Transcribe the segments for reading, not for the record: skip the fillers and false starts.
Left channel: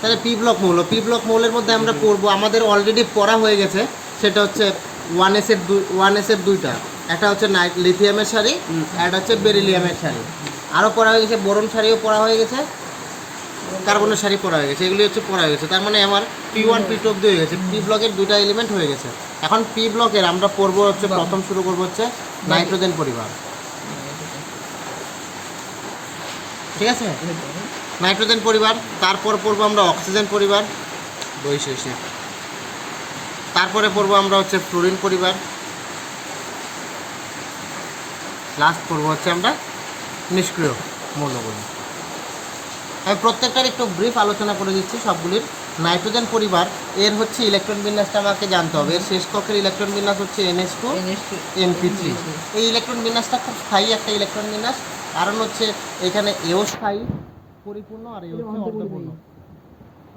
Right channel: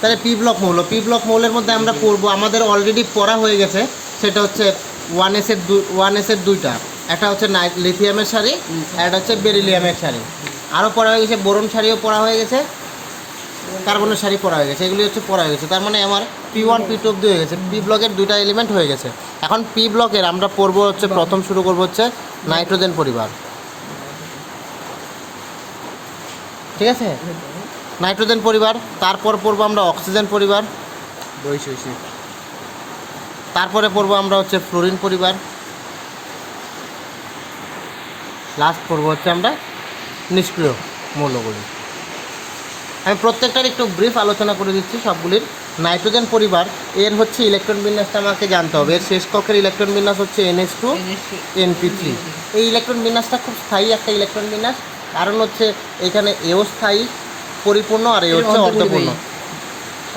তাহলে P block মৌলের মধ্যে আমরা পড়বো, আমাদের অলরেডি পড়া হয়ে গেছে, সেটা হচ্ছে 1s-এর দুইটা, একটা হচ্ছে লিথিয়ামের সারি, একটা হচ্ছে বেরিলিয়ামের সারি। আরও পড়া হয়ে গেছে বোরন সারিও পড়া হয়ে গেছে, কার্বনের সারি পড়া হয়ে গেছে, এগুলি হচ্ছে পড়া হয়ে গেছে। তার মানে আমার P1 P2 অব্দি হয়ে গেছে, পি ব্লকের দুইটা এলিমেন্ট হয়ে গেছে। এখন পি ব্লকের আমরা পড়বো হচ্ছে প্রথম শুরু করবো হচ্ছে নাইট্রোজেন পরিবার, ঠিক আছে? নাইট্রোজেন পরিবার, তারপর পড়বো আমরা অক্সিজেন পরিবার, তারপরে পড়বো আমরা হচ্ছে ফ্লোরিন পরিবার, লাস্ট পড়বো হচ্ছে আমরা নিষ্ক্রিয় মৌলগুলি। আমি প্রত্যেকটার একটু ব্রিফ আলোচনা করে দিচ্ছি সবগুলির। নাইট্রোজেন পরিবার এর হচ্ছে ইলেকট্রন বিন্যাসটা আমাকে জানতে হবে। এর শেষ কক্ষের ইলেকট্রন বিন্যাস হচ্ছে NH2 NP3। এই ইলেকট্রন বিন্যাসটা খুব স্থায়ী একটা ইলেকট্রন বিন্যাস, কারণ হচ্ছে এখানে এও স্থায়ী পরিপূর্ণ আর এ হচ্ছে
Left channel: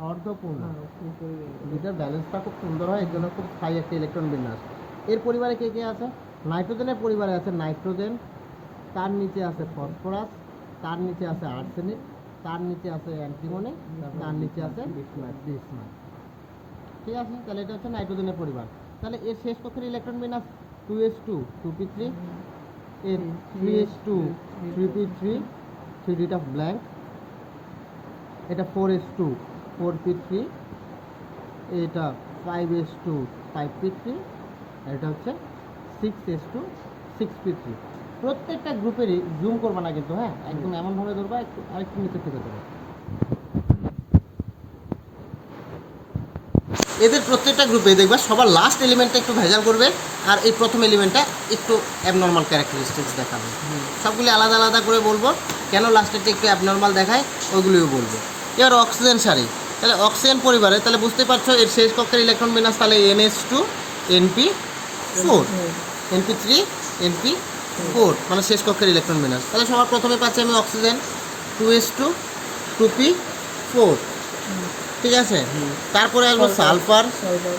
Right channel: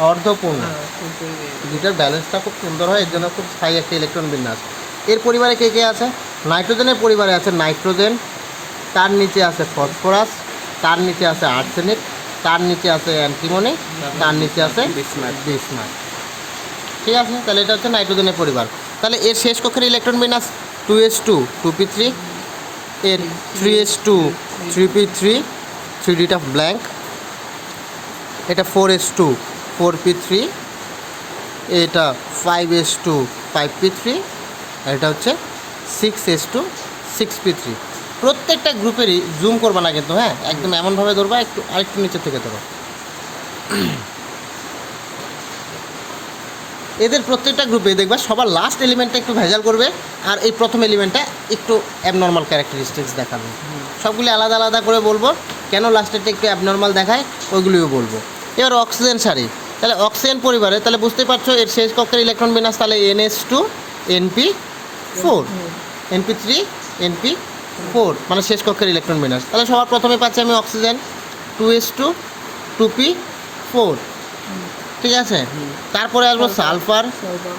অর্ধপূর্ণ, দুটার ব্যালেন্সটা খুব সুন্দর হয়, এর জন্য খুব স্থায়ী একটা ইলেকট্রন বিন্যাস। এর পরিবারে কে কে আছে? নাইট্রোজেনের পরিবারে আছে নাইট্রোজেন, তার নিচে আছে ফসফরাস, তার নিচে আছে আর্সেনিক, তার নিচে আছে অ্যান্টিমনি, তার নিচে আছে বিসমাথ। ঠিক আছে, তাহলে এটা হচ্ছে নাইট্রোজেনের পরিবার। তাহলে এর শেষ কক্ষের ইলেকট্রন বিন্যাস 2s2 2p3, এর 3s2 3p3 3dটা ব্ল্যাঙ্ক, এটা 4s2 4p3, এটা 5s2 5p3, এটা হচ্ছে 6s2 6p3। প্রত্যেকটা গ্রুপেরই জুম করবা না কিন্তু, হ্যাঁ, একদম এমনভাবে ধরবা, একটু আরেকটু নিচের থেকে ধরো। এদের প্রত্যেকটা গ্রুপে দেখবা সবার লাস্ট এলিমেন্টটা একটু ভেজাল করবে, আর এই প্রথম এলিমেন্টটা একটু অ্যাবনর্মাল ক্যারেক্টারিস্টিক্স দেখাবে। সবগুলি আলাদা আলাদা করে বলবো, কেন লাস্টেরটা একটু অ্যাবনর্মাল দেখায় ওইগুলিও বলবো। এবার অক্সিজেন সারি, তাহলে অক্সিজেন পরিবারে তাহলে বুঝতে পারছো এর শেষ কক্ষের ইলেকট্রন বিন্যাস তাহলে NH2 NP4 NP3 NP4, মানে শেষ কক্ষের ইলেকট্রন বিন্যাস। তাহলে সবার প্রথমে পাচ্ছি আমি অক্সিজেন 2s2 2p4, ঠিক আছে? তারপরে আসবো sulphur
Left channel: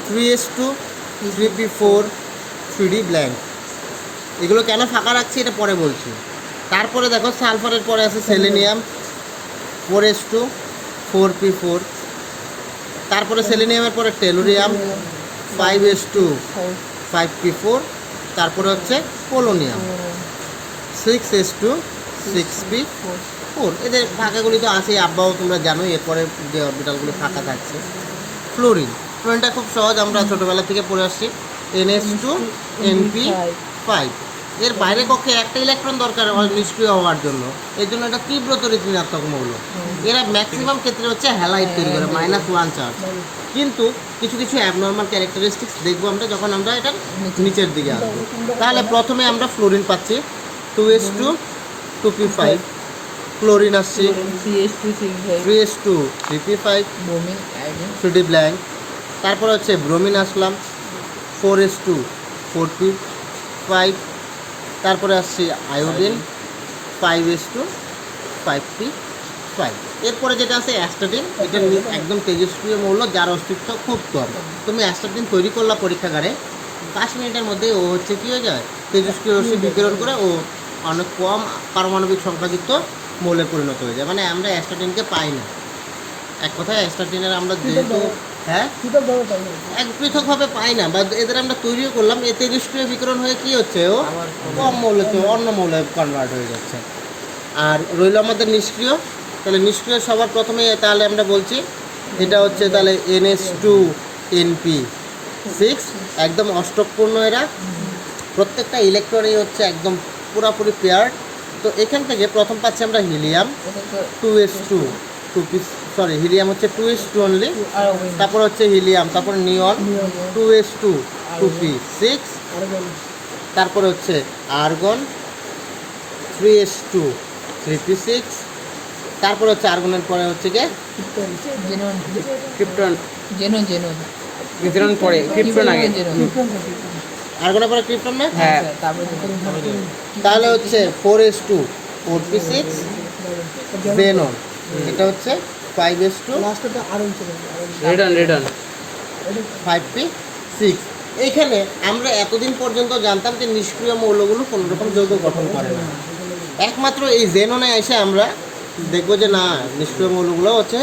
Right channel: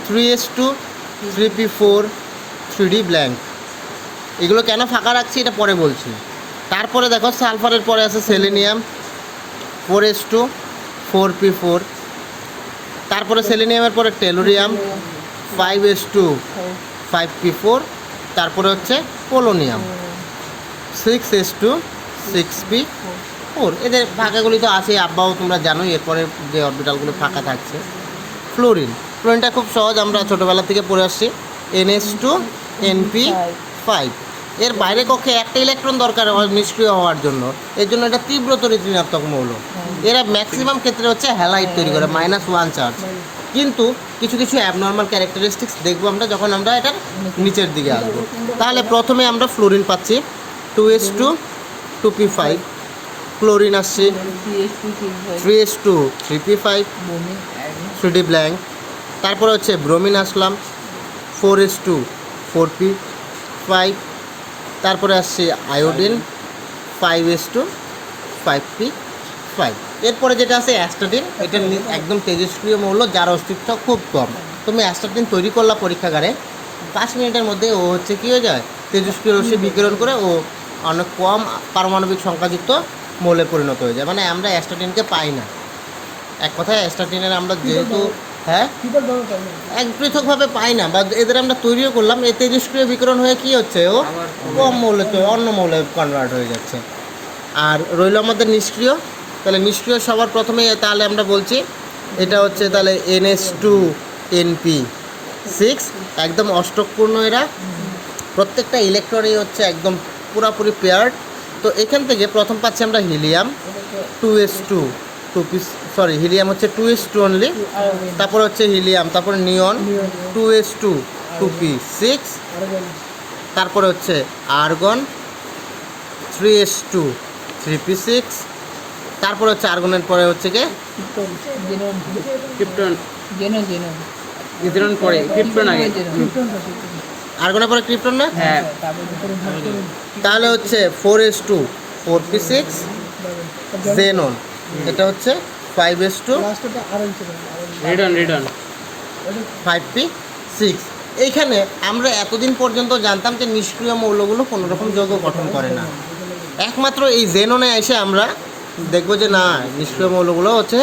3s2 3p4 3d blank. এগুলো কেন ফাঁকা রাখছি এটা পরে বলছি। তারপরে দেখো সালফারের পরে আছে সেলেনিয়াম 4s2 4p4, তারপরে সেলেনিয়ামের পরে টেলুরিয়াম 5s2 5p4, তারপরে হচ্ছে পোলোনিয়াম 6s2 6p4। এদের ফাঁকাগুলি তো আছে, আব্বাও তোমরা জানো। এরপরে যে অরবিটালগুলি ফাঁকা থাকছে ফ্লোরিনটা খুব সহজ, আমরা ছোটোবেলা থেকে পড়ে আসছি, NH2 NP5। এর বাইরে কক্ষে একটা ইলেকট্রন দরকার নিষ্ক্রিয় হওয়ার জন্য, এর জন্য এটা তীব্রতর ঋণাত্মক মৌল। এরা ম্যাক্সিমাম ক্ষেত্রে হচ্ছে হ্যালাইড তৈরি করে -1 চার্জ, কিন্তু কিছু কিছু অ্যাবনর্মাল ক্যারেক্টারিস্টিক্স দেখবো আমরা যখন আমরা এটা নিচের দিকে আসবো। তাহলে প্রথমে আমরা ফ্লোরিন পাচ্ছি 2s2 2p5, ক্লোরিন আসছে 3s2 3p5 3d ব্ল্যাঙ্ক, তারপরে হচ্ছে ব্রোমিন আসলাম 4s2 4p5, তারপরে আসছে আয়োডিন 5s2 5p5। এরপরে যেটা আছে অ্যাস্টাটিন, এটা একদম তেজস্ক্রিয় মৌল যার অস্তিত্ব খুব কম। তুমি অ্যাস্টাটিন তৈরি করলা পরীক্ষাগারে, 5 মিনিটের মধ্যে ও হচ্ছে কী হয়ে যায়, তেজস্ক্রিয় রশ্মি বিকিরণ করে ও অনেক কম পারমাণবিক সংখ্যাযুক্ত মৌলে পরিণত হয়ে যায়। মানে আমরা অ্যাস্টাটিনকে পাই না, এক কথায় অ্যাস্টাটিনের আমরা যেহেতু এক পৃথকভাবে পাই না, বা এদের আমরা তৈরিও করলাম, এ তেজস্ক্রিয় বিকিরণ হয়ে কী হচ্ছে, ও কম মৌলে অন্য মৌলে কনভার্ট হয়ে যাচ্ছে। আর রইল আমাদের নিষ্ক্রিয়, তাহলে নিষ্ক্রিয় সবার প্রথমে তাহলে আমরা বলছি এটা হচ্ছে তাহলে NH2 NP6, একদম অষ্টকপূর্ণ। এরা প্রত্যেকটা ইলেকট্রনই হচ্ছে একদম পুরাপুরি পেয়ার্ড। তো এখান থেকে প্রথম পাচ্ছি আমরা হিলিয়াম 2s2 হিলিয়াম হচ্ছে 2s2 অনলি, তারপর হচ্ছে হিলিয়াম, তারপর নিয়ন 2s2 2p6, তারপরে হচ্ছে আর্গন 3s2 3p6, তারপরে হচ্ছে আর্গনের পরে হচ্ছে কি ক্রিপ্টন, পরে ক্রিপ্টন আগে, আর্গনের পরে ক্রিপ্টন না, হ্যাঁ। তাহলে হচ্ছে 4s2 4p6 জেনন, এটা হচ্ছে 5s2 রেডন 5p6। এইখানে আমরা এতদিন পর্যন্ত জানতাম যে নিষ্ক্রিয় মৌলগুলো কোনো রকম যৌগ গঠন করে না, একমাত্র এই জেননে এসে আমরা দেখবো যে না নিষ্ক্রিয় মৌলগুলো হচ্ছে,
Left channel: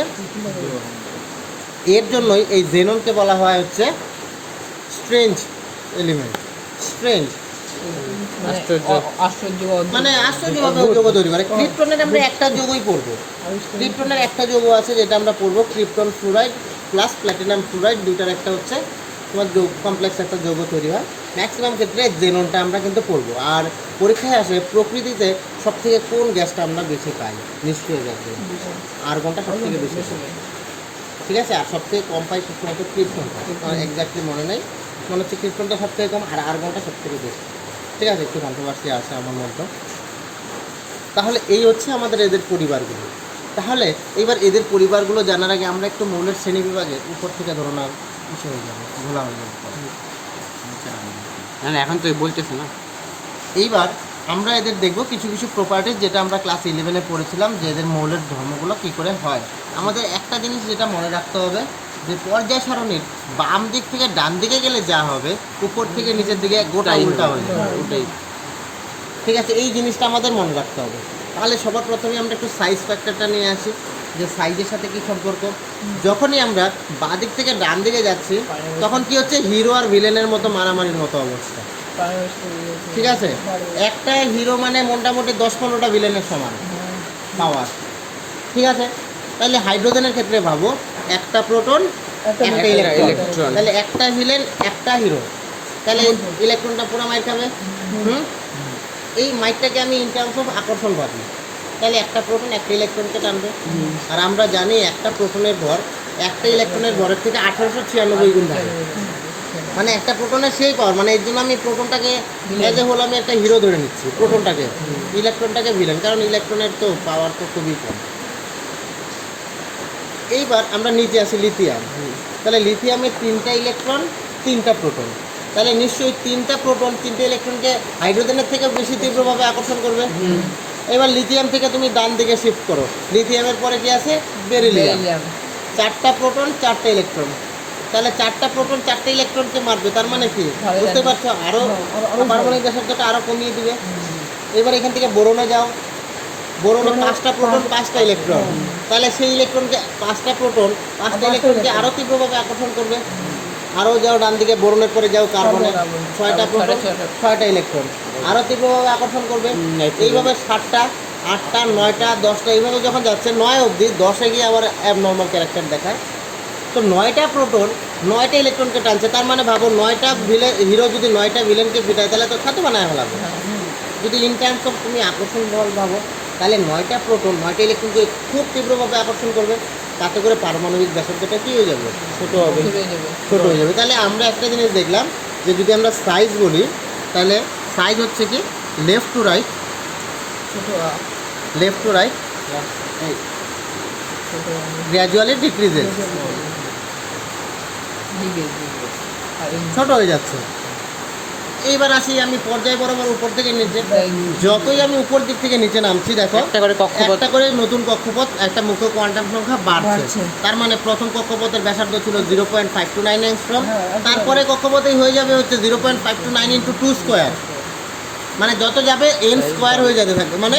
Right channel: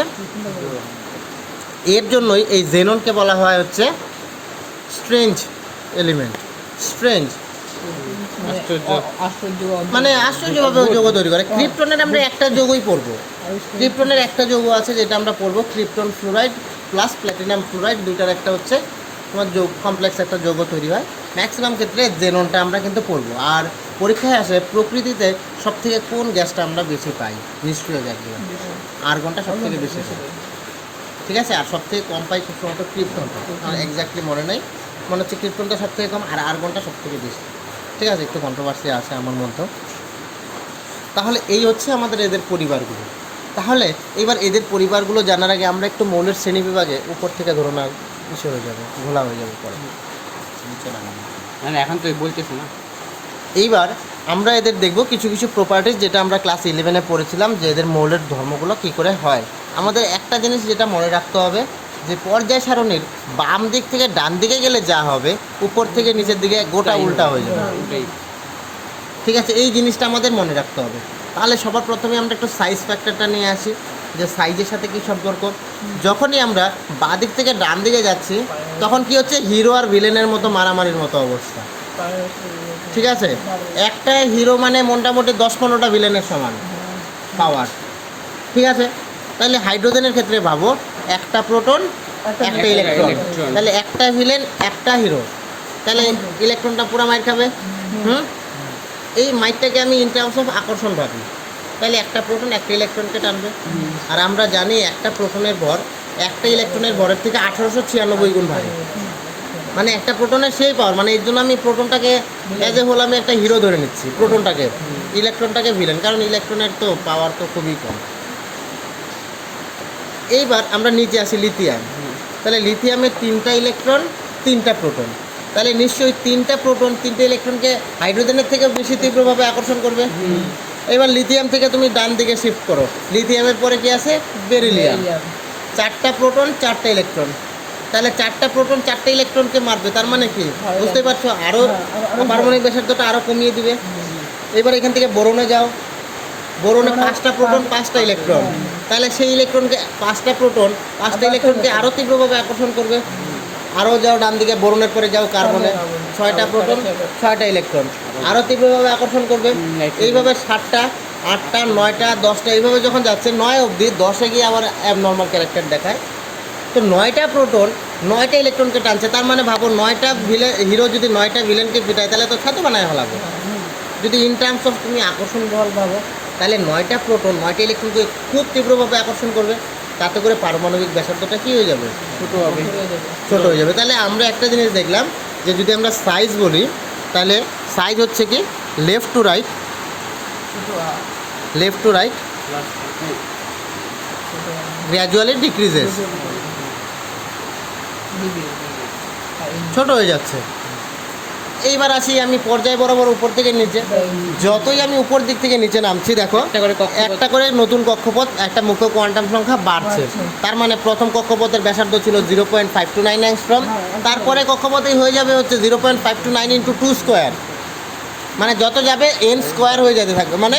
এর জন্যই এই জেননকে বলা হয় হচ্ছে স্ট্রেঞ্জ এলিমেন্ট। স্ট্রেঞ্জ মানে আশ্চর্যভাবে যৌগ তৈরি করে। ক্রিপ্টনের আমরা একটা যৌগই পড়বো, ক্রিপ্টনের একটা যৌগ আছে যেটা আমরা পড়বো, krypton fluoride plus platinum fluoride, দুইটার একটা হচ্ছে তোমার যৌগ কমপ্লেক্স একটা যৌগ তৈরি হয়। ম্যাক্সিমাম ক্ষেত্রে জেননটা আমরা কিন্তু পড়বো। আর পরীক্ষায় আসে প্রকৃতিতে সব থেকে কোন গ্যাসটা আমরা বেশি পাই, নিষ্ক্রিয় গ্যাস, আর্গনটা সব থেকে বেশি পাই, ঠিক আছে। আর সব থেকে কম পাই শুধুমাত্র ক্রিপ্টনটা, আমার এক্স্যাক্টলি মনে নেই, মনে হচ্ছে ক্রিপ্টনটা সব থেকে কম আর আর্গনটা সব থেকে বেশি, ঠিক আছে। একটু কন্ট্রোভার্সি আছে আমার মতো। তাহলে এই হচ্ছে আমাদের এদের পরিবারগুলো। তাহলে এবার এদের পরিবারগুলো জানার আগে আমরা একটু মৌলের শ্রেণী বিভাগে উপর থেকে ধরনের বিষয় হয়ে যাবে, ঘোলা হয়ে যাবে। না এখন তো বলতেছে না। এইবার আমরা এদের দেখব কিছু কিছু প্রপার্টিজ যেটা আমরা ক্লাস 11-এ পড়েছিলাম, যে এদের মৌলের ধর্মগুলো কী করে হয়। আমাদের একটা জিনিস যেটা মনে রাখতে হবে, যে পর্যায় সারণীর বাম দিক থেকে ডান দিকে গেলে যা হবে, উপর থেকে নিচের দিকে গোটা উল্টা হয়ে যাবে, ওটাই। ঠিক আছে। এই জিনিসটা আমাদের মনে রাখতে হবে। তাহলে সবার প্রথমে আমরা একটু সাইজ ফ্যাক্টরটা নিয়ে আসি, যে সাইজের সাথে কি সম্পর্ক। যখনই আমরা বাঁ দিক থেকে ডান দিকে যাচ্ছি তখন কি হচ্ছে, হিরো আর ভিলেনের মতো মারামারির মতো অবস্থা, ঠিক আছে। একটা হিরো মানে মোটামুটি 10-15টা ভিলেনের সমান পাওয়ার, ঠিক আছে। তাহলে হাইড্রোজেনের ক্ষেত্রে ভাবো, একটা প্রোটন একটা ইলেকট্রন, তাহলে একটা ভিলেন একটা হিরো, তাহলে ইলেকট্রনটা পুরো মাইর খাবে। এই মাইটটাকে আমি ইন টার্মস অফ আকর্ষণ ভাবি, তাহলে একটা প্রোটন একটা ইলেকট্রনকে টানবে। আর আমরা জানি একটা প্রোটনের ভর একটা ইলেকট্রনের ভরের থেকে 1896 গুণ ভারী, মানে একটা প্রোটনের সেই পাওয়ার, মানে এর জন্য আমি প্রোটনটাকে এজ এ হোল আমি একটা হিরো ধরে নিচ্ছি, প্রোটনটাকে, ইলেকট্রনটাকে ভিলেন, কারণ ইলেকট্রনের তো পাওয়ার তো খুবই কম। এইবার আমরা নিচে আসি লিথিয়াম, তাহলে লিথিয়ামের 3টা ইলেকট্রন 3টা প্রোটন, তাহলে নিশ্চয়ই 3টা প্রোটন 3টে ইলেকট্রনকে হাইড্রোজেনের থেকে বেশি তীব্রভাবে আকর্ষণ করবে। এবার লিথিয়াম থেকে তুমি ডান দিকে শিফট করো, লিথিয়ামের পরে কি আছে, বেরিলিয়াম, 4টা প্রোটন 4টা ইলেকট্রন, তাহলে 4টা প্রোটন 4টা ইলেকট্রনকে মারবে, তার মানে কি বুঝতে পারছো, আরও পারমাণবিক ব্যাসার্ধটা আরও কমিয়ে দিবে। এবার এখান থেকে বোরনে যাও, বোরনে 5টা প্রোটন 5টা ইলেকট্রন, তাহলে সেই ইলেকট্রনকে 5টা প্রোটন 5টা ইলেকট্রনকে আরও তীব্রভাবে আকর্ষণ করবে। আরও যাও ডান দিকে, বোরনের পরে যাও কার্বনে, 6টা প্রোটন 6টা ইলেকট্রন, আরও তীব্রভাবে আকর্ষণ করবে। এইভাবে 7টা 8টা 9টা 10টা এইভাবে যখন যাচ্ছে 9 অবধি, 10-এ গিয়ে আবার অ্যাবনর্মাল ক্যারেক্টার দেখায়। তো 9টা প্রোটন 9টা ইলেকট্রনকে টানছে, তার মানে ভাবো 9টা হিরো যদি 9টা ভিলেনকে পিটায় তাহলে তো ছাতু বানায় লাগবে। যদি ইন টার্মস অফ তুমি আকর্ষণ বল ভাবো, তাহলে 9টা প্রোটন 9টা ইলেকট্রনকে খুব তীব্রভাবে আকর্ষণ করবে, তাতে করে পারমাণবিক ব্যাসার্ধটা কী হয়ে যাবে, ছোটো হবে, ছোটো হয়ে যাবে। তাহলে আমরা একটা জিনিস দেখলাম, যে যদি আমরা সাইজ বলি, তাহলে সাইজ হচ্ছে কি left to right, left to right gradually decreases, ছোট হয়ে যাচ্ছে। এইবার আসি আমি পর্যায় বরাবর উপর থেকে নিচে, যতই আমি উপর দিক থেকে নিচে নামছি দেখো একটা করে নতুন কক্ষপথ, একটা মুখ্য কোয়ান্টাম সংখ্যা বাড়ছে। তার মানে প্রথম কক্ষপথের ব্যাসার্ধ ছিল 0.529 অ্যাংস্ট্রম, তারপরে কক্ষপথেই হয়ে যাবে হচ্ছে 0.529 × 2 স্কোয়ার, মানে যত যাবে n স্কোয়ার হয়ে যেতে থাকবে, মানে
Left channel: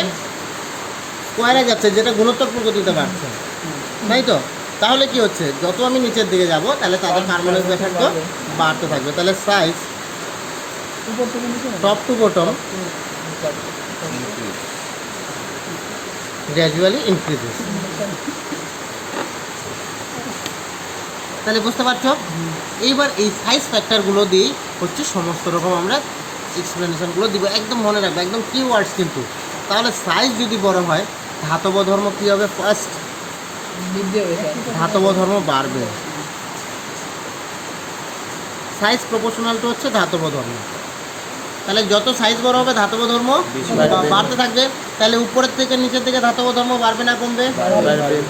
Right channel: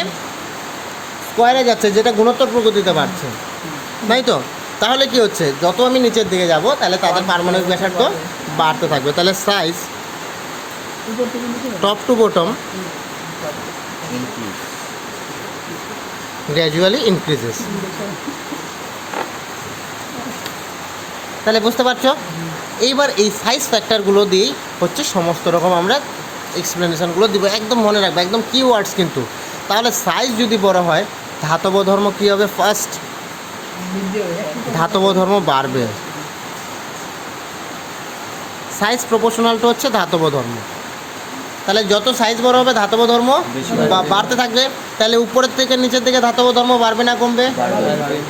স্কোয়ারে যাচ্ছে, যেটা গুণোত্তর প্রকৃতিতে বাড়ছে, তাই তো। তাহলে কি হচ্ছে, যত আমি নিচের দিকে যাব তাহলে তাদের পারমাণবিক ব্যাসার্ধ বাড়তে থাকবে। তাহলে size top to bottom gradually increases. তাহলে বুঝতে পারছো। এইবার এই সাইজ ফ্যাক্টরগুলো দিয়েই হচ্ছে সমস্ত রকম আমরা এক্সপ্লেনেশনগুলো দিব, একদম মনে রাখবে, একদম কি ওয়ার্ডস কিন্তু। তাহলে সাইজ যদি বড় হয়, ধাতব ধর্ম কী হবে, ফার্স্ট ধাতব ধর্ম বাড়বে। সাইজ প্রপোর্শনাল টু হচ্ছে ধাতব ধর্ম, তাহলে যত সাইজ বড় হবে ধাতব ধর্ম বাড়তে থাকবে। তাহলে উপরের থেকে নিচের দিকে ধাতব ধর্ম বাড়বে না কমবে?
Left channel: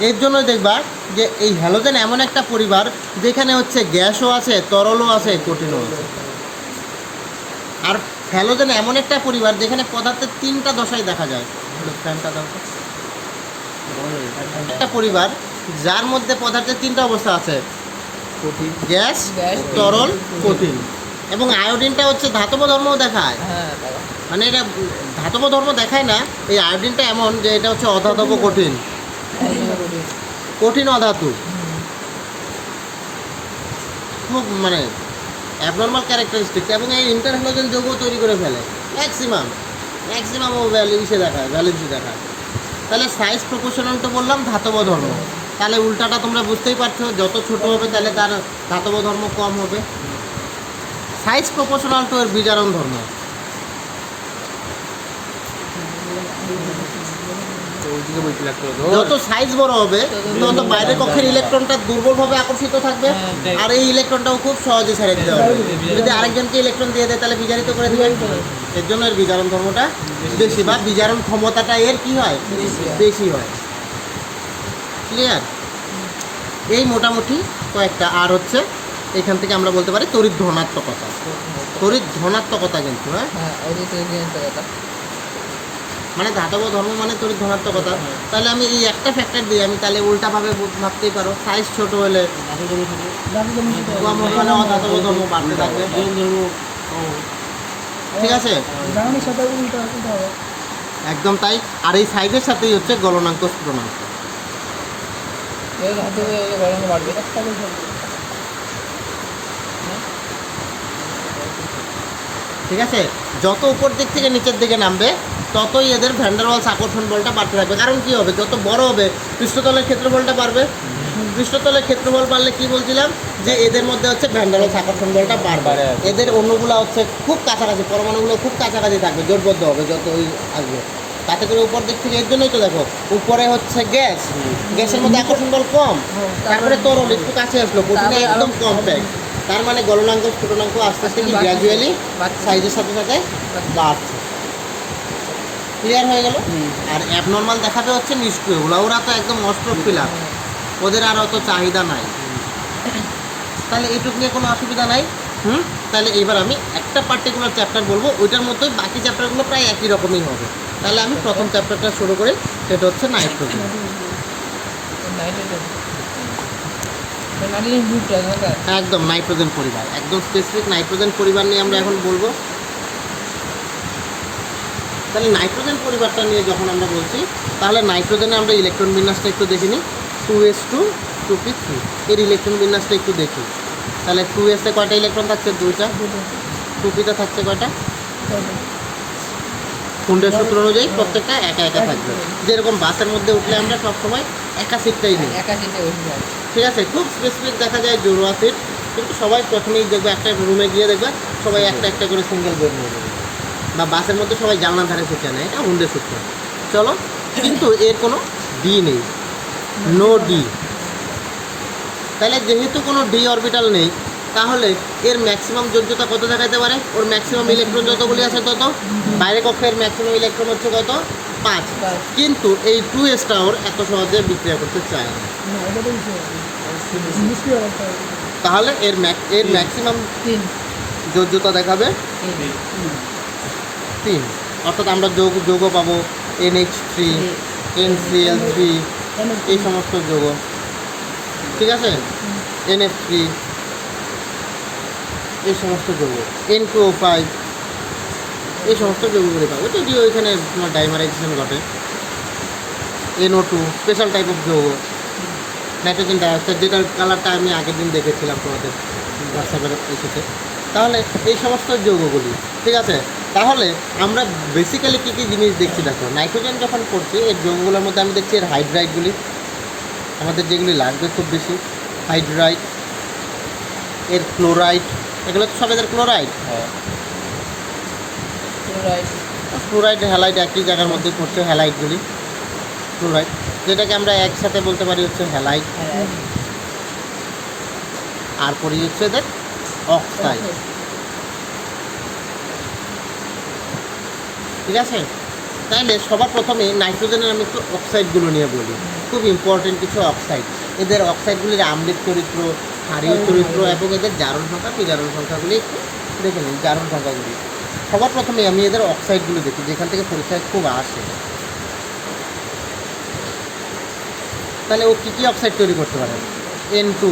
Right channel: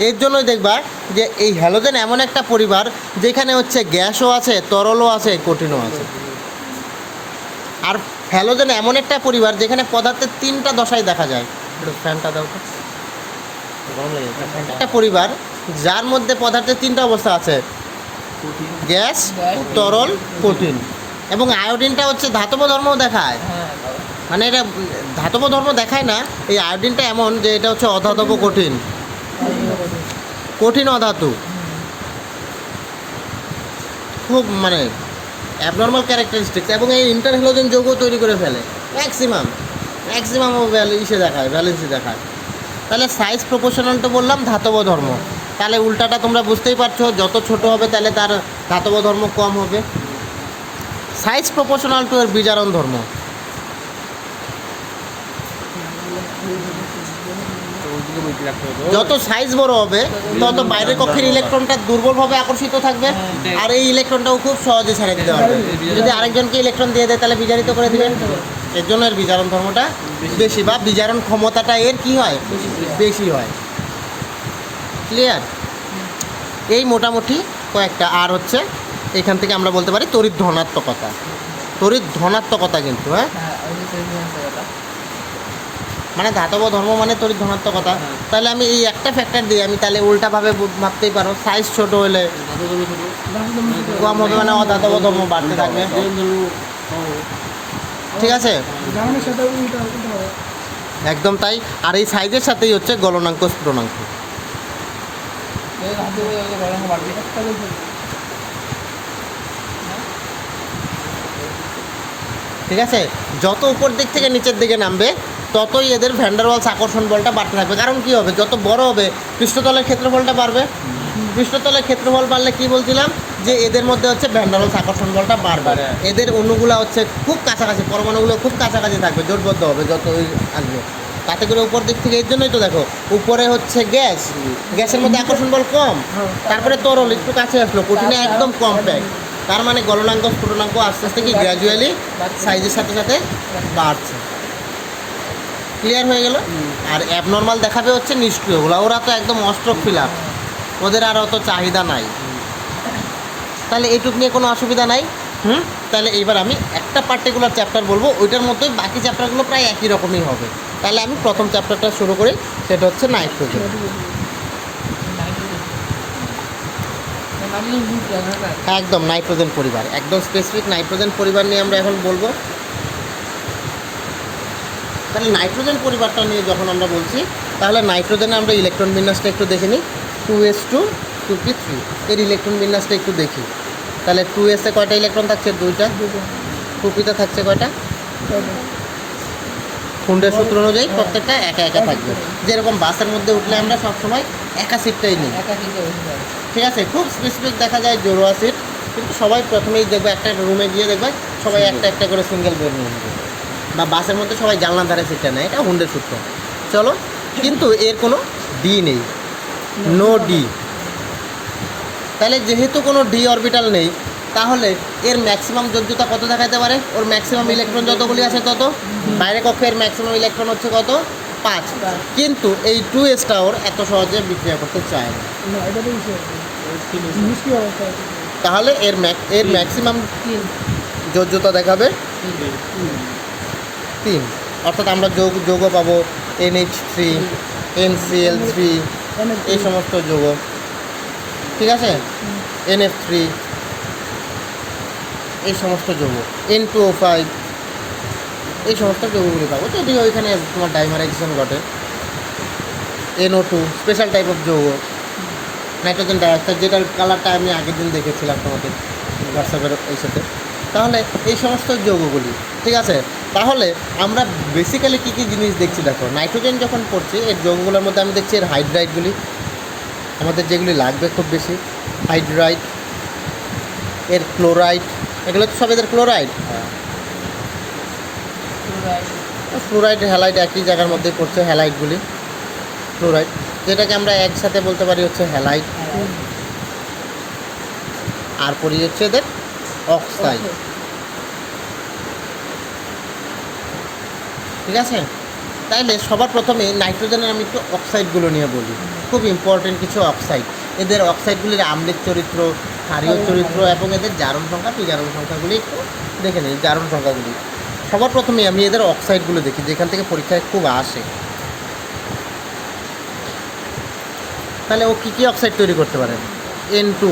এর জন্যই দেখবা যে এই হ্যালোজেন এমন একটা পরিবার যেখানে হচ্ছে গ্যাসও আছে, তরলও আছে, কঠিনও আছে। আর হ্যালোজেন এমন একটা পরিবার যেখানে পদার্থের 3টা দশায় দেখা যায়। ফ্যানটা দাও। একটা পরিবার যার মধ্যে পদার্থের 3টা অবস্থা আছে, গ্যাস, তরল, কঠিন। এবং আয়োডিনটা হচ্ছে ধাতব ধর্মও দেখায়, মানে এটা ধাতব ধর্ম দেখায় না, এই আয়োডিনটা এমন যে এটা হচ্ছে অধাতব কঠিন, কঠিন অধাতু, খুব মানে অ্যাবনর্মাল ক্যারেক্টারিস্টিক্স, এবং এই ইন্টারহ্যালোজেন যৌগ তৈরি করে ফেলে ম্যাক্সিমাম ভ্যালু দেখায়। তাহলে সাইজ প্রপোর্শনাল তো বললাম ধাতব ধর্ম, তাহলে উল্টাটা তোমরা বুঝতেই পারছো, যত ছোট হবে তাহলে তার ধাতব ধর্ম কম হবে। সাইজ প্রপোর্শনাল টু এর বিজারণ ধর্ম। যত সাইজ বড় হবে তত বাইরের কক্ষের ইলেকট্রনটা দুর্বলভাবে আকর্ষিত থাকবে, আর এই ইলেকট্রনটাও খুব সহজে ছাড়িয়ে দিতে পারবে। যদি আরেকজনকে ইলেকট্রন দিয়ে দেয় তাহলে বিজারিত করে দিবেন, এর জন্য এর বিজারণ ধর্মটা বেশি, বা বিজারণ ক্ষমতাটা এর কি হয়, বেশি হয়। ক্লিয়ার? এই মোটামুটি কয়েকটা। আর হচ্ছে এখান থেকে আমরা বলতে পারি তড়িৎ ধনাত্মকতা, কিন্তু হ্যাঁ, মানে ধাতব ধর্ম মানে তড়িৎ ধনাত্মকতা। তাহলে আমি এই একটা ফ্যাক্টর দিই, আমি তাহলে উল্টাভাবে ভাবতেই পারো, সাইজ ছোট হলে মানে ধাতব ধর্ম বাড়তে থাকবে। ঠিক আছে, একদম তাই। আর এই সাইজের সাথেই হচ্ছে গলনাঙ্ক স্ফুটনাঙ্ক। ঠিক আছে, যত উপর দিক থেকে নিচের দিকে নামবে ততই এদের ভ্যান ডার ওয়ালস আকর্ষণ বলটা বাড়তে থাকবে। কারণ কী হবে, যত বড় হবে পৃষ্ঠতলের ক্ষেত্রফলটা বাড়বে। পৃষ্ঠতলের ক্ষেত্রফল বাড়লে কী বলছিলাম, যে এদের মধ্যে হচ্ছে ভ্যান ডার ওয়ালস আকর্ষণ বলটা বাড়বে। এদের অণুগুলো হচ্ছে খুব কাছাকাছি, পরমাণুগুলো খুব কাছাকাছি থাকবে, জোটবদ্ধ হবে যত ওই আসবে। তাতে করে উপর দিক থেকে, এর জন্যই তো দেখো উপরে হচ্ছে গ্যাসের মধ্যে আকর্ষণ বল কম, তারপরে তরল একটু কাছে আসলো, কঠিনে একদম কমপ্যাক্ট। তার মানে গলনাঙ্ক স্ফুটনাঙ্ক আস্তে আস্তে কি গ্র্যাজুয়ালি সাইজের সাথে সাথে বাড়ছে। ক্লিয়ার হয়ে গেল? আর অ্যাবনর্মাল দেখাবে হচ্ছে নিষ্ক্রিয়গুলো, ওরা তো একদম অস্ট্রক ফিলার, ওদের আর অত চাহিদা নাই। তাহলে এইটুক নিয়ে কোনো অসুবিধা নাই। তাহলে এবার আমি একটা পার্টিকুলার চ্যাপ্টার বলবো, ওইটার মধ্যেই বাকি চ্যাপ্টারগুলো প্রায় একই রকমই হবে। তাহলে আমি প্রথম চ্যাপ্টারটা শুরু করি, সেটা হচ্ছে নাইট্রোজেন। একদম নাইট্রোজেন পরিবার, একদম স্পেসিফিক নাইট্রোজেন পরিবার নিয়ে আমরা এখন বলবো। তাহলে নাইট্রোজেন পরিবারটা নিয়ে যখন আমরা বলছি, তাহলে নাইট্রোজেনে আমরা ইলেকট্রন বিন্যাসটা একটু দেখে নিই। 2s2 2p3 এর ইলেকট্রন বিন্যাসটা একটু দেখি। তাহলে 2s এ কয়টা ইলেকট্রন থাকছে? 2টা। 2p-তে থাকছে কয়টা? কুন্ডের সূত্র অনুযায়ী প্রত্যেকটা একা একা থাকবে। যেরকম বাসের মধ্যে উঠলে আমরা সবসময় একা সিটটাই নিই, ঠিক আছে? খুব স্পেসিফিক দেখা যায় জোড়োয়া সিট, কিন্তু সবাই প্রথমেই দেখবে একটা রুমে গিয়ে দেখবে সবাই একটা একটা করে সিঙ্গেল বেড নিয়ে নেবে, বা বাসের মধ্যে সবাই জানলার ধারে সিটটা নেয়, এটা হুন্ডের সূত্র। চলো, কিন্তু এর কোনো ডি নেই, নো ডি। তাহলে যেহেতু কোনো ডি অরবিটাল নেই, তাহলে এর ম্যাক্সিমাম যোগ্যতা কত দেখাতে পারে? ওর ম্যাক্সিমাম ইলেকট্রন যতগুলি আছে তত, বাইরে কক্ষের ম্যাক্সিমাম ইলেকট্রন হচ্ছে কত? 5। কিন্তু এই 2sটা ওর এত সহজে বিক্রিয়া করতে চায় না। তাহলে এর ম্যাক্সিমাম যোগ্যতা দেখাবে 3। অর্থাৎ আমরা যৌগ পাবো NH3, NCl3, এই সমস্ত যৌগ, ঠিক আছে? NF3, এই সমস্ত যৌগ, N2O5, এই সমস্ত যৌগগুলি পাবো। যদিও ওইখানে তোমার ডাইমারাইজেশন ঘটে। NO2 স্পেশাল টাইপ অফ যৌগ, নাইট্রোজেন ডাইঅক্সাইড, যেটার কালারটা আমি আগের দিন দেখেছিলাম তোমাদের হোয়াটসঅ্যাপের ওই সাথে। তাহলে এই সমস্ত যৌগগুলি, ঠিক আছে? তাহলে আমরা বেসিক্যালি কী কী জিনিস দেখছি দেখো, নাইট্রোজেন যখন করছি এর যৌগগুলোর মধ্যে আমি দেখছি এর হাইড্রাইডগুলি, আমাদের যেগুলি লাগবে খুব বেশি, হাইড্রাইড, এর ক্লোরাইড, এগুলো তো সব এদের ক্লোরাইড। ফ্লোরাইড হ্যালাইড একই জায়গার মধ্যে পড়ছে, হ্যালাইডগুলি ফ্লোরাইড, যেটাকে আমরা একসাথে বলতে পারি হচ্ছে হ্যালাইড। আর পরি হচ্ছে এদের অক্সাইড, ঠিক আছে? তাইলে সবার প্রথমে নাইট্রোজেনের আমি একটু অক্সাইডগুলো নিয়ে বলি, খুব ইম্পর্টেন্ট কিছু অক্সাইড। এদের অক্সাইডগুলির আম্লিক চরিত্র, ক্ষারীয় চরিত্র এবং এদের জারণ সংখ্যা, বিজারণ সংখ্যাগুলি একটু দেখে নিন। জারণ সংখ্যাগুলি সবার প্রথমে আমি এদের অক্সাইডগুলো দেখি, যেখান থেকে পরীক্ষায় খুব আসে। তাহলে ও কী কী অক্সাইড তৈরি করতে পারে? N2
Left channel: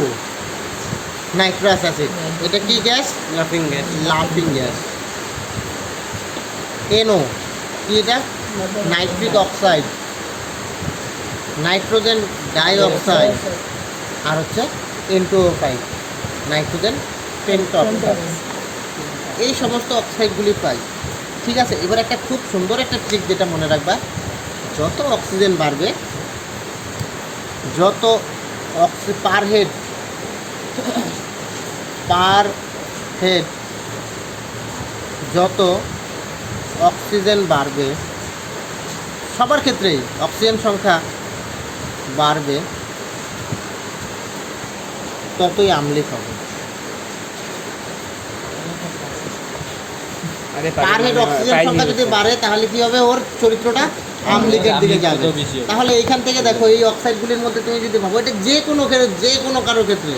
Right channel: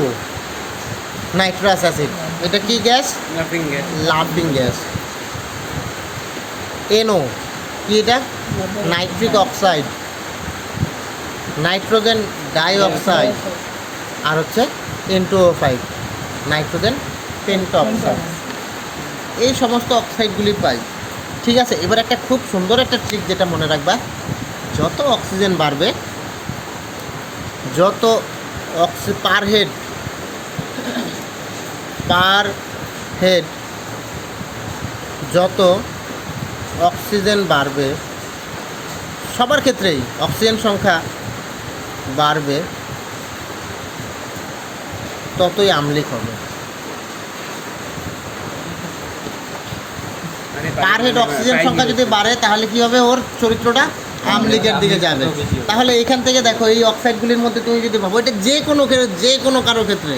নাইট্রাস অ্যাসিড, এটা কি গ্যাস? লাফিং গ্যাস। NO কি এটা? নাইট্রিক অক্সাইড, নাইট্রোজেন ডাইঅক্সাইড, আর হচ্ছে N2O5 নাইট্রোজেন পেন্টঅক্সাইড। এই সমস্ত অক্সাইডগুলি পাই। ঠিক আছে, এবার একটা খুব সুন্দর একটা ট্রিক যেটা মনে রাখবা, যত অক্সিজেন বাড়বে, যত পার হেড যত অক্সিজেন বাড়বে, সবার ক্ষেত্রেই অক্সিজেন সংখ্যা বাড়বে, ততই আম্লিক হবে। পার হেড অক্সিজেন সংখ্যা যদি বাড়ে তাহলে কি হবে? ওর চরিত্রটা আম্লিকের দিকে যাবে। তাহলে এইখান থেকে দেখো, এই অক্সাইডগুলির মধ্যে তুমি যদি ভাবো, এটা যে কোনো কারো ক্ষেত্রে,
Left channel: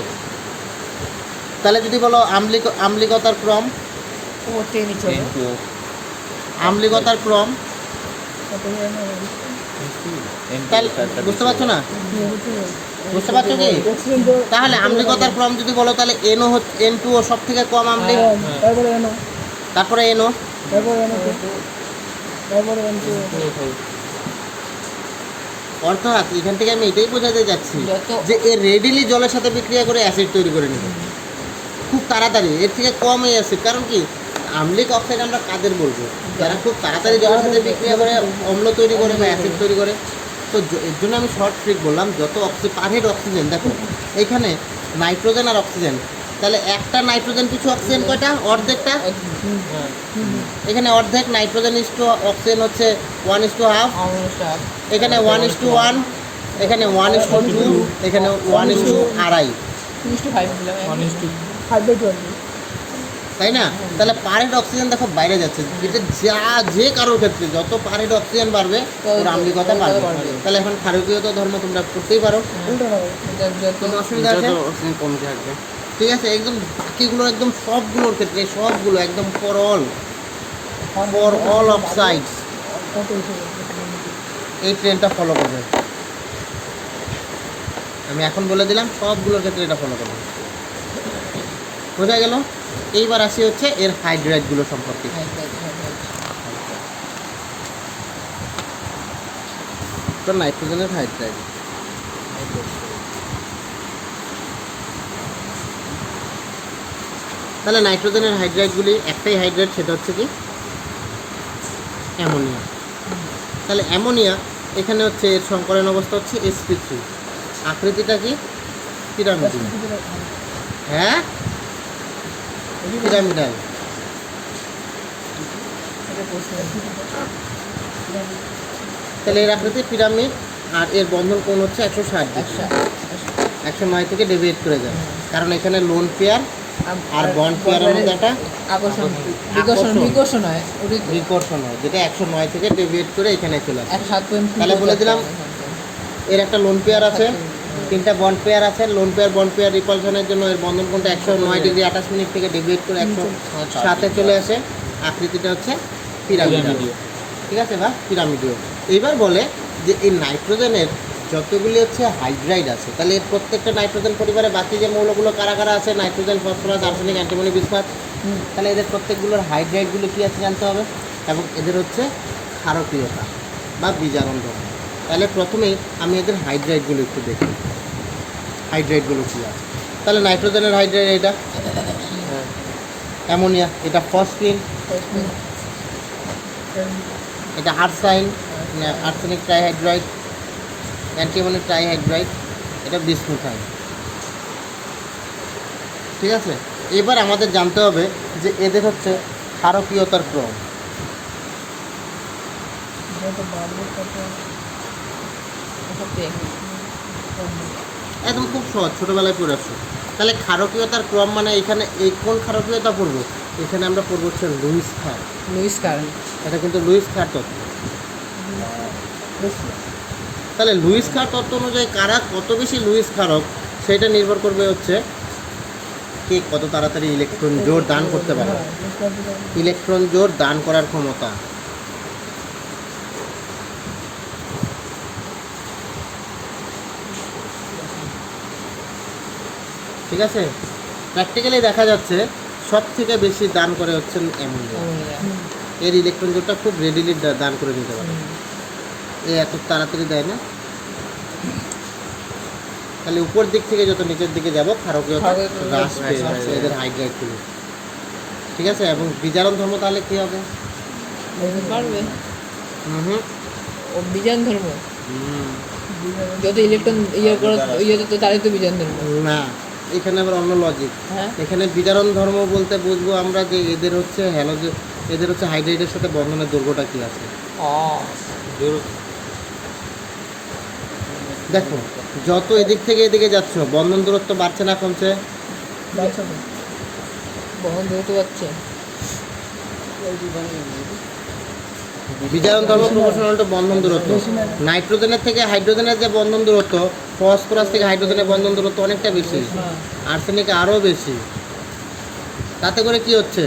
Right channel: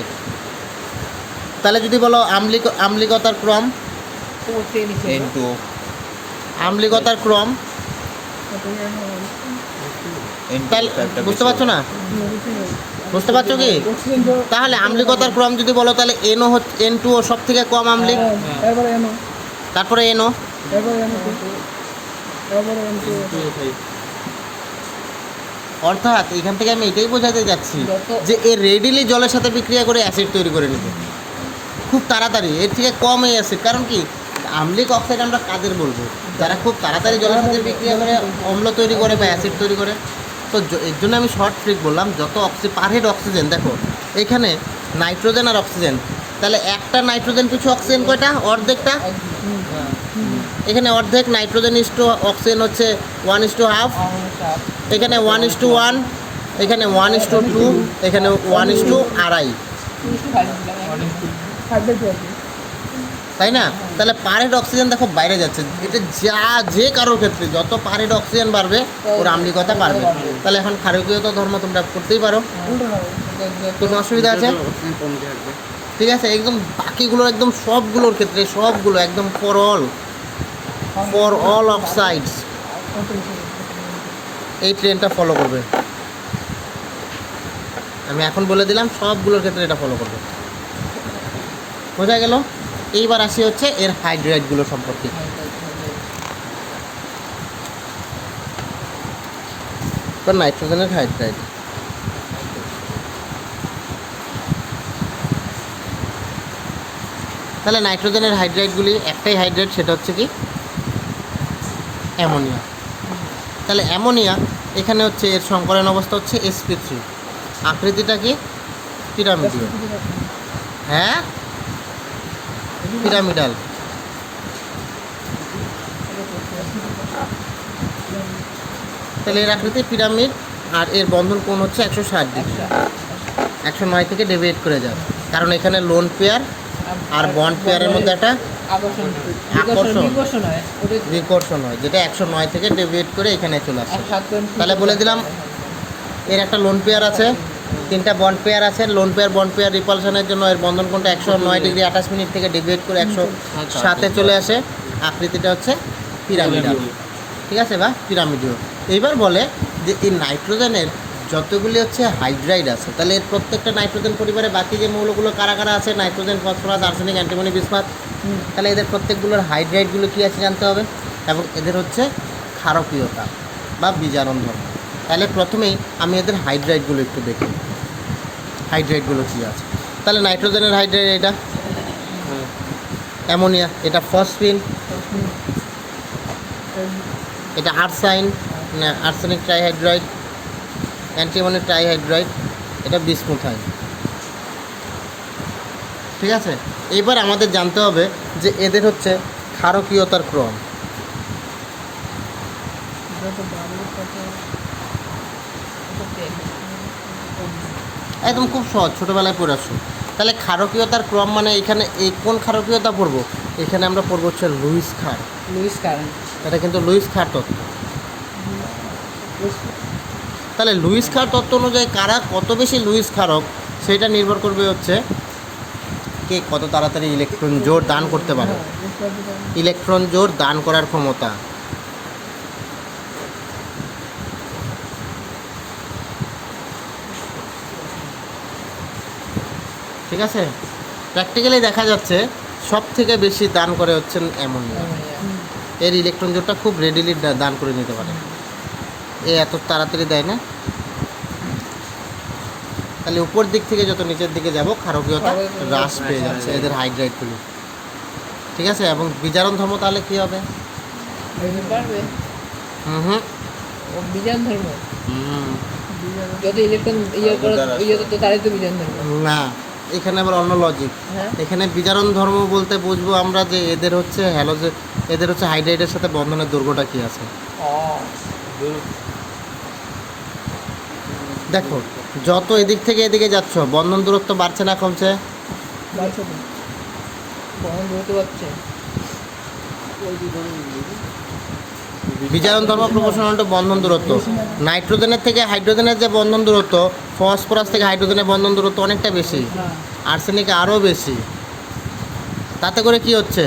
তাহলে যদি বলো আম্লিকতার ক্রম, আম্লিকতার ক্রম, তাহলে বুঝতে পারছো না? বুঝতে পারছো কি? তাহলে আম্লিকতার ক্রম যদি বলো, তাহলে N2O সব থেকে কম আম্লিক, তারপরে NO, অর্থাৎ এখান থেকে আমি এটাই বোঝাতে যাচ্ছি যে এ রেডিলি জলের সাথে বিক্রিয়া করে অ্যাসিড তৈরি করে নেবে খুব তাড়াতাড়ি, এর থেকে কম এই অ্যাসিড। কারণ কি, আম্লিক অক্সাইড আমরা কাদের বলবো? যারা খুব তাড়াতাড়ি জলের সাথে বিক্রিয়া করে অম্ল তৈরি করে বা অ্যাসিড তৈরি করে। তো এর জন্য আমি শর্ট ট্রিক বললাম, যত পার হেড অক্সিজেন, দেখো এইখানে নাইট্রোজেন আর অক্সিজেন, তাহলে একটা নাইট্রোজেন পিছু অক্সিজেন কয়টা? অর্ধেকটা। এখানে অর্ধেক নাইট্রোজেন ইস্টু অক্সিজেন হচ্ছে 1:1/2, এখানে 1:1, এখানে 1:2, এখানে 1:2.5, তাই না? তাহলে পার হেড অক্সিজেন দেখো বাইরে যাচ্ছে। এটা যে কারোর ক্ষেত্রে যত পার হেড অক্সিজেন বাড়বে, ওর আম্লিকতা বাড়বে। তাহলে এখন ক্ষারকীয়তা ধর্ম তোমরা করতেই পারো, কোনো অসুবিধা আছে? ঠিক আছে, একদম বাকিগুলোর, একদম সবগুলোর ক্ষেত্রে, সবগুলো একদম ফর অল অক্সাইডস এই ট্রেনটা ফলো করবে। আমি এখন বলে দিলাম, সবগুলোর ক্ষেত্রে এটা ফলো করবে। বোঝা গেল? এইবার আসি হচ্ছে এর হাইড্রাইডগুলো সম্পর্কে। নাইট্রোজেনের হাইড্রাইড, তাহলে নাইট্রোজেনের হাইড্রাইডগুলি, একটাই হাইড্রাইড, সেটা হচ্ছে কি অ্যামোনিয়া। তাহলে অ্যামোনিয়া এখানে হচ্ছে এর সংকরণ অবস্থা হচ্ছে sp3, আকৃতিটা কি পিরামিডাল। হ্যাঁ, পিরামিডাল। তাহলে এর আকৃতি পিরামিড, আর এর বন্ধন কোণ হচ্ছে 160 ডিগ্রি, 109 থেকে ডেভিয়েট করে যায়। কারণ এখানে লোন পেয়ার আর বন্ড পেয়ারের মধ্যে একটা বিকর্ষণ হয়, যেটা 109 থেকে ডেভিয়েট করে এখানে চলে আসে। তাহলে বলে দিলাম, এর একটা লোন পেয়ার আছে, 3টা বন্ড পেয়ার আছে। লোন পেয়ার বন্ড পেয়ার রিপালশনের জন্য এর বন্ধন কোণটা 109 ডিগ্রি 28 মিনিট থেকে ডেভিয়েট করে 107-এ চলে আসে। আকৃতিটা হচ্ছে পিরামিডাল। ঠিক আছে, বা পিরামিডীয়। এইবার বলে যে এই নাইট্রোজেনের যতগুলি হচ্ছে হাইড্রাইড আছে, তাহলে এর প্রত্যেকটা নাইট্রোজেন পরিবারে বাকি যে মৌলগুলো কারা কারা আছে, nitrogen, phosphorus, arsenic, antimony, bismuth, তাহলে এদের প্রত্যেকগুলোর হাইড্রাইডগুলো কী আছে জানতে হবে, এবং এদের হচ্ছে ক্ষারকীয়তা বা বিজারণ ধর্ম। তাহলে প্রথমেই আমি এদের হাইড্রাইডগুলো একটু দেখি, হাইড্রাইডগুলো কী আছে। তাহলে নাইট্রোজেনের হাইড্রাইড এটা, অ্যামোনিয়া এটা ফসফিন, এটা আর্সাইন, আর্সেনিক ট্রাইহাইড্রাইড, অ্যান্টিমনি ট্রাইহাইড্রাইড, এটা বিসমুথাইন। ঠিক আছে, এবার আমাদের জানতে হবে যে এদের হচ্ছে ক্ষারকীয়তার ক্রম। একদম খুব সহজ, ছোটোবেলায় পড়ে আসুন। তাহলে ক্ষারকীয়তার ক্রম মানে এখানে এই কোন ক্ষারকীয়তা পড়বো? এখানে আমরা পড়বো হচ্ছে লুইস ক্ষার। এটা কিন্তু লুইস ক্ষার তত্ত্ব। তাহলে লুইস ক্ষার তত্ত্ব অনুযায়ী কারা কত বেশি লুইস ক্ষারক, সেটা নির্ভর করবে হচ্ছে কে কত তাড়াতাড়ি ইলেকট্রন জোর দান করতে পারে, ইলেকট্রন জোর দান করার ক্ষমতা। ঠিক আছে, প্র্যাকটিক্যালি দেখা যাচ্ছে সব থেকে বেশি দান করে হচ্ছেন অ্যামোনিয়া। এর ইলেকট্রন জোড়টা খুব রেডিলি দান করে নিতে পারে। এই এত তাড়াতাড়ি দেয় না। তাহলে উপর দিক থেকে যত নিচের দিকে যাব ক্ষারকীয়তা হ্রাস পেয়ে যাচ্ছে এদের হাইড্রাইডগুলো। ঠিক আছে, এবং বিজারণ ধর্ম তাহলে কী হবে? পারবে হুম বিজান ধর্ম যত ইলেকট্রন ইয়ে করো ইয়ে তো তারাই তো বিজান ধর্ম না, এখানে আবার অন্য লজিক। হ্যাঁ এখানে বিজারণ ধর্ম বলতে বুঝবো আমরা যে এদের হচ্ছে হ্যালোজেন, এদের হচ্ছে হাইড্রাইডের সাথে বন্ধনের দৈর্ঘ্যটা কী আছে। দেখো যত এদিক থেকে এদিকে যাচ্ছ বন্ধন দূরত্ব বাড়ছে না কমছে? বাচ্চা তো বহন ধরতে পারছে বিজারণ ধর্ম প্রপোর্শনাল টু বন্ধন দূরত্ব। নাইট্রোজেনের থেকে হাইড্রোজেনের যে বন্ধন দূরত্ব, ফসফরাস থেকে হাইড্রোজেনের বন্ধন দূরত্ব অনেকটা বেশি, আর্সেনিক আরও বেশি। তাতে করে কি হচ্ছে,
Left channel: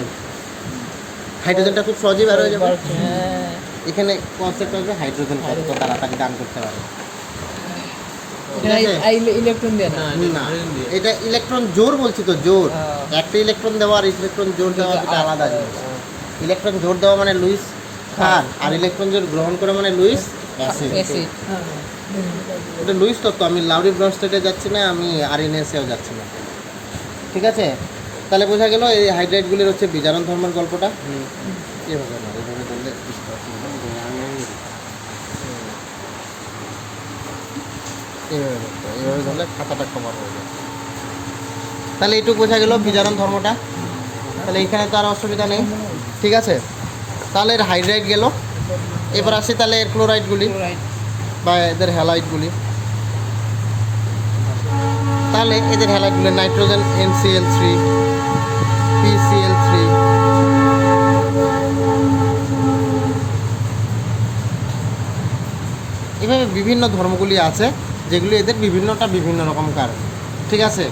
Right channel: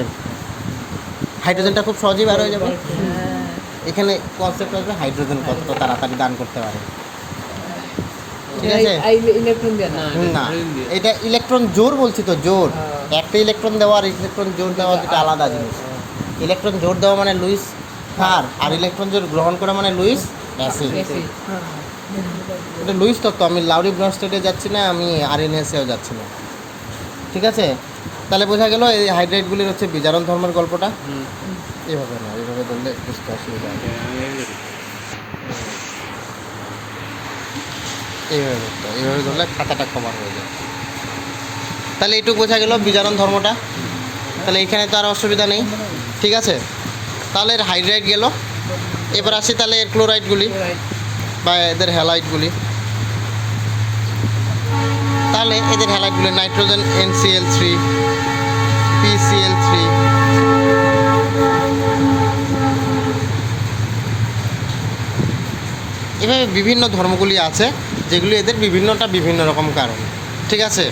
হাইড্রোজেনটা খুব সহজেই বার হয়ে যাবে। এখানে কনসেপ্ট হচ্ছে হাইড্রোজেন কত তাড়াতাড়ি দান করতে পারে। ঠিক আছে? ইলেকট্রন দেয় না না, এটা ইলেকট্রন জোর বলছি তো, জোর। একটা ইলেকট্রন দেওয়া আর ইলেকট্রন জোর দেওয়া দুটো আলাদা জিনিস। ইলেকট্রন জোর দেওয়া মানে লুইস ক্ষার, আর ইলেকট্রন জোর গ্রহণ করা মানে লুইস অ্যাসিড। অ্যাসিড এটা লুইস তত্ত্ব। আমি লাউরি ব্রনস্টেটে যাচ্ছি না, আমি আরএনএসেও যাচ্ছি না। ঠিক আছে, তাহলে বোঝা গেল এই হাইড্রাইডগুলির হচ্ছে বিজারণ ধর্মের গল্পটা। এভাবে না, এভাবে বললে বুঝতে অসুবিধা হবে। এইভাবে করতে হবে, এইভাবে ধরলে খাতাটা কভার হয়ে যায়। তাহলে এইটুকু বোঝা গেল বিজারণ ধর্মটা। তাহলে এখানে তো আর অসুবিধা নেই। ঠিক আছে, তাহলে এর হাইড্রাইড গেল। এবার আসি তাহলে এর ক্লোরাইডগুলি বা এদের হ্যালাইডগুলি। তাহলে এদের হ্যালাইডগুলি নাইট্রোজেন NCl3, PCl3, এভাবে বিভিন্ন ধর্মগুলি আছে যেগুলি এদের বিভিন্নটা বিভিন্ন রকম কারণ। ঠিক আছে,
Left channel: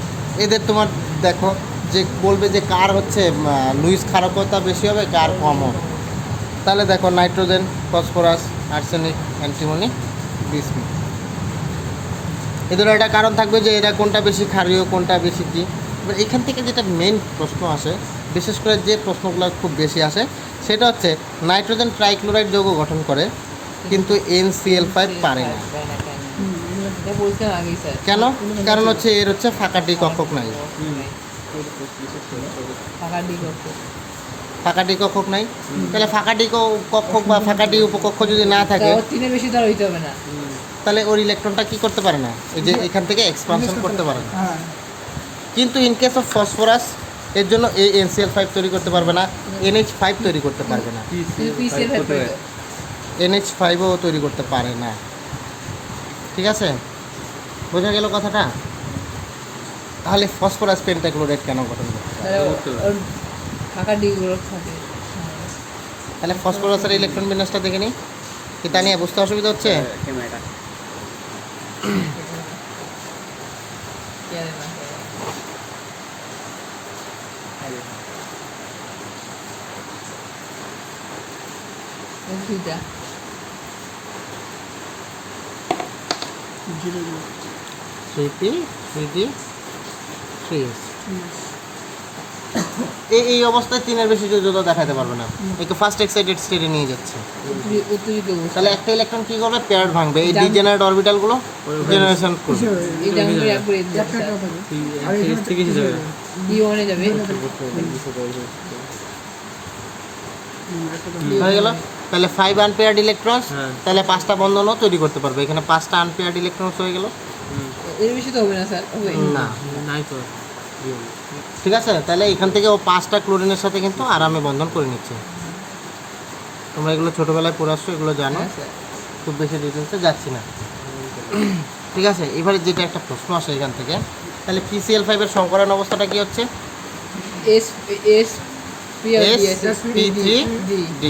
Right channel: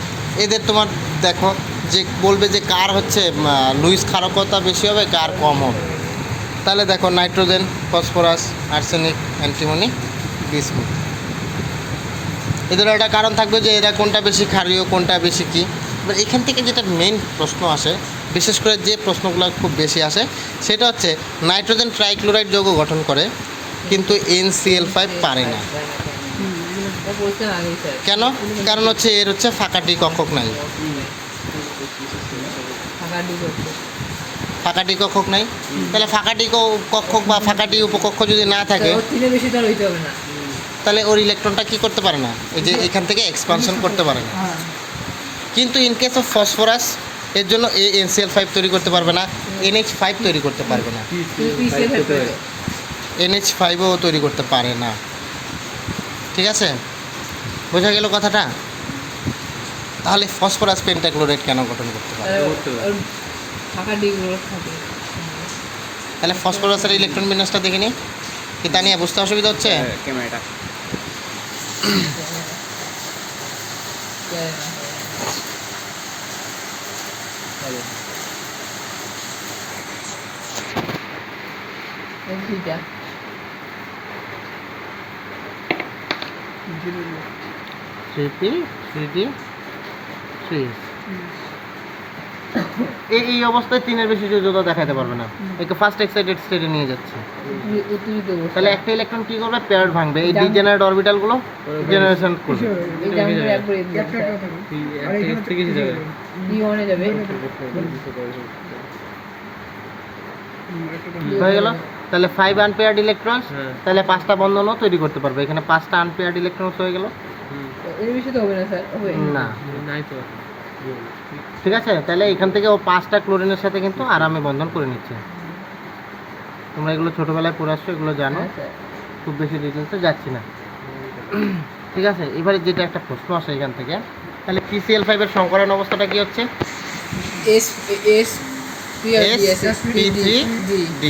এদের তোমার দেখো যে বলবে যে কার হচ্ছে লুইস ক্ষারকতা বেশি হবে, কার কম হবে। তাহলে দেখো নাইট্রোজেন, ফসফরাস, আর্সেনিক, অ্যান্টিমনি, বিসমুথ, এদের একটা কারণ থাকবে যে এরা কোনটা বেশি ক্ষারীয়, কোনটা বেশি কী। এবার এখান থেকে যেটা মেইন প্রশ্ন আসে, বিশেষ করে যে প্রশ্নগুলো খুব বেশি আসে, সেটা হচ্ছে নাইট্রোজেন ট্রাইক্লোরাইড যৌগ গঠন করে কিন্তু NCl5 পারে না। বলছেন আগেই স্যার কেন? কারণ হচ্ছে এর হচ্ছে ফাঁকাটি কক্ষক নাই। ফাঁকাটি কক্ষক নাই, তাহলে ফাঁকাটি কক্ষক বা ফাঁকাটি উপকক্ষ যদি না থাকে তিনের বেশি তার হইতে হবে না, তাহলে ওর ইলেকট্রনটা কি করতে পারে না, এই যে এখান থেকে এক্সপানশন করতে পারে না। কিন্তু ইন কেস অফ ফসফরাস এর জন্য NCl5 তৈরি করতে পারবে না, NH5 তৈরি করতে পারবে না, NH5ও তৈরি করতে পারে না। ঠিক আছে, বোঝা গেল কথাটা? তাহলে ফসফরাস পেন্টাক্লোরাইড কেন গঠন করতে পারে? ফাঁকা ডিগুলো থাকে। তাহলে ফসফরাসের ইলেকট্রন বিন্যাসটা দেখে নিই, কি তা নিয়ে বুঝতে অসুবিধা হচ্ছে? এই অবস্থায় তিনের বেশি যোজতা দেখাতে পারবে না, একে ফার্স্ট এক্সাইটেড স্টেটে নিয়ে যাচ্ছে। তাহলে একটা ইলেকট্রন কি করবে, পেয়ার ভাঙবে, এই ডিজেনারেট অরবিটালগুলো জেনারেশন করবে। হয়ে গেল। তাহলে 5 আনপেয়ার্ড ইলেকট্রনস, তাহলে 5টা বন্ধনও তৈরি করতে পারবে। এখানে 5টা আনপেয়ার্ড ইলেকট্রনস হয়ে গেল। এর বেশি তো হবে না স্যার, হবে না। ঠিক আছে, তাহলে এখান থেকে ও 5টা ক্লোরিনের সাথে কিন্তু আরামে বন্ধন করে নিচ্ছে। তোমরা এগুলো ছোটোবেলায় পড়ে আসছো, এগুলো জানো, খুব বেশি ডিটেলসে যাচ্ছি না। ঠিক আছে, এবারে যেটা একটা প্রশ্ন আসে এখান থেকে, তাহলে PCl5 এর সংকরণ অবস্থাটা কি হচ্ছে? sp3d।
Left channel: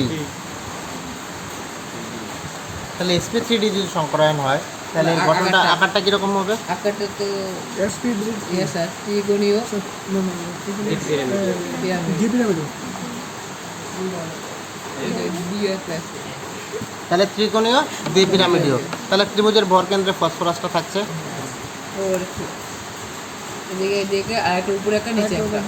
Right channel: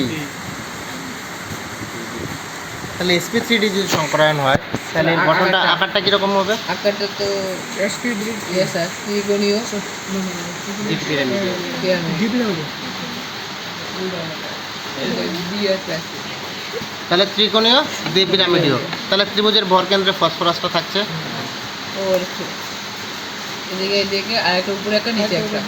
তাহলে sp3d যদি সংকরায়ন হয় তাহলে এর গঠনটা আকারটা কিরকম হবে? আকারটা তো স্যার ত্রিকোণীয় তাহলে ত্রিকোণীয় দ্বিপিরামিডীয়। তাহলে ত্রিভুজের ভরকেন্দ্রে ফসফরাসটা থাকছে, ওর এদিকে এদিকে আর একটা উপরে একটা নিচে একটা।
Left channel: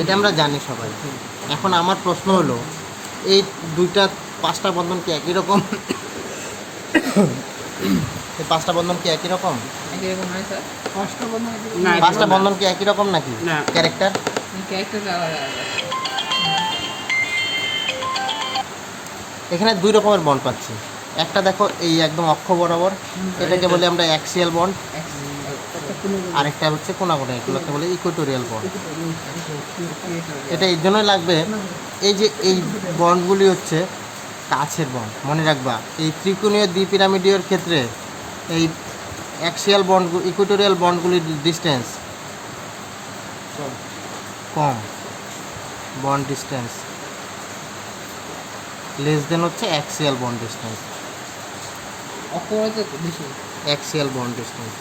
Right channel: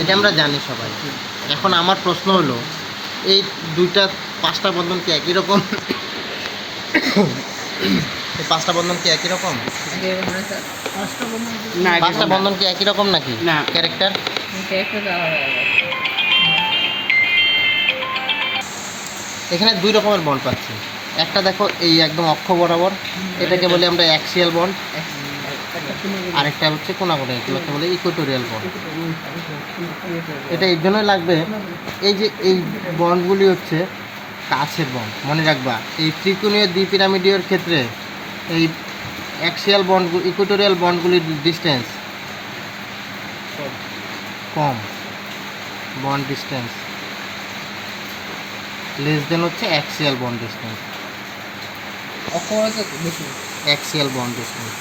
এটা আমরা জানি সবাই। এখন আমার প্রশ্ন হলো, এই দুইটা 5টা বন্ধন কি একই রকম? এই 5টা বন্ধন কি একই রকম? এরকম না স্যার, না, 5টা বন্ধন কি একই রকম নাকি না। ক্যারেক্টার? ক্যারেক্টার আলাদা আলাদা। এখানে 2 রকমের বন্ড পাচ্ছি। একটা দেখো এই একদম অক্ষ বরাবর, এটাকে বলি আমরা অ্যাক্সিয়াল বন্ড। আরেকটা হচ্ছে কোনাকুনি, এগুলোকে বলে ইকুয়েটোরিয়াল বন্ড। এটা এর জন্যই লাগবে, এই যে এই বন্ডগুলি হচ্ছে কাছের বন্ড, মনে রাখবা। এই ত্রিকোণীয় দ্বিপিরামিডীয় ক্ষেত্রে এই অ্যাক্সিয়াল বন্ড, ইকুয়েটোরিয়াল বন্ডগুলির ডিস্টেন্স কম, বন্ড ডিস্টেন্স লেস দেন হচ্ছে অ্যাক্সিয়াল বন্ড ডিস্টেন্স। অক্ষরে তো বেশি। অ্যাক্সিয়াল বন্ড ডিস্টেন্স,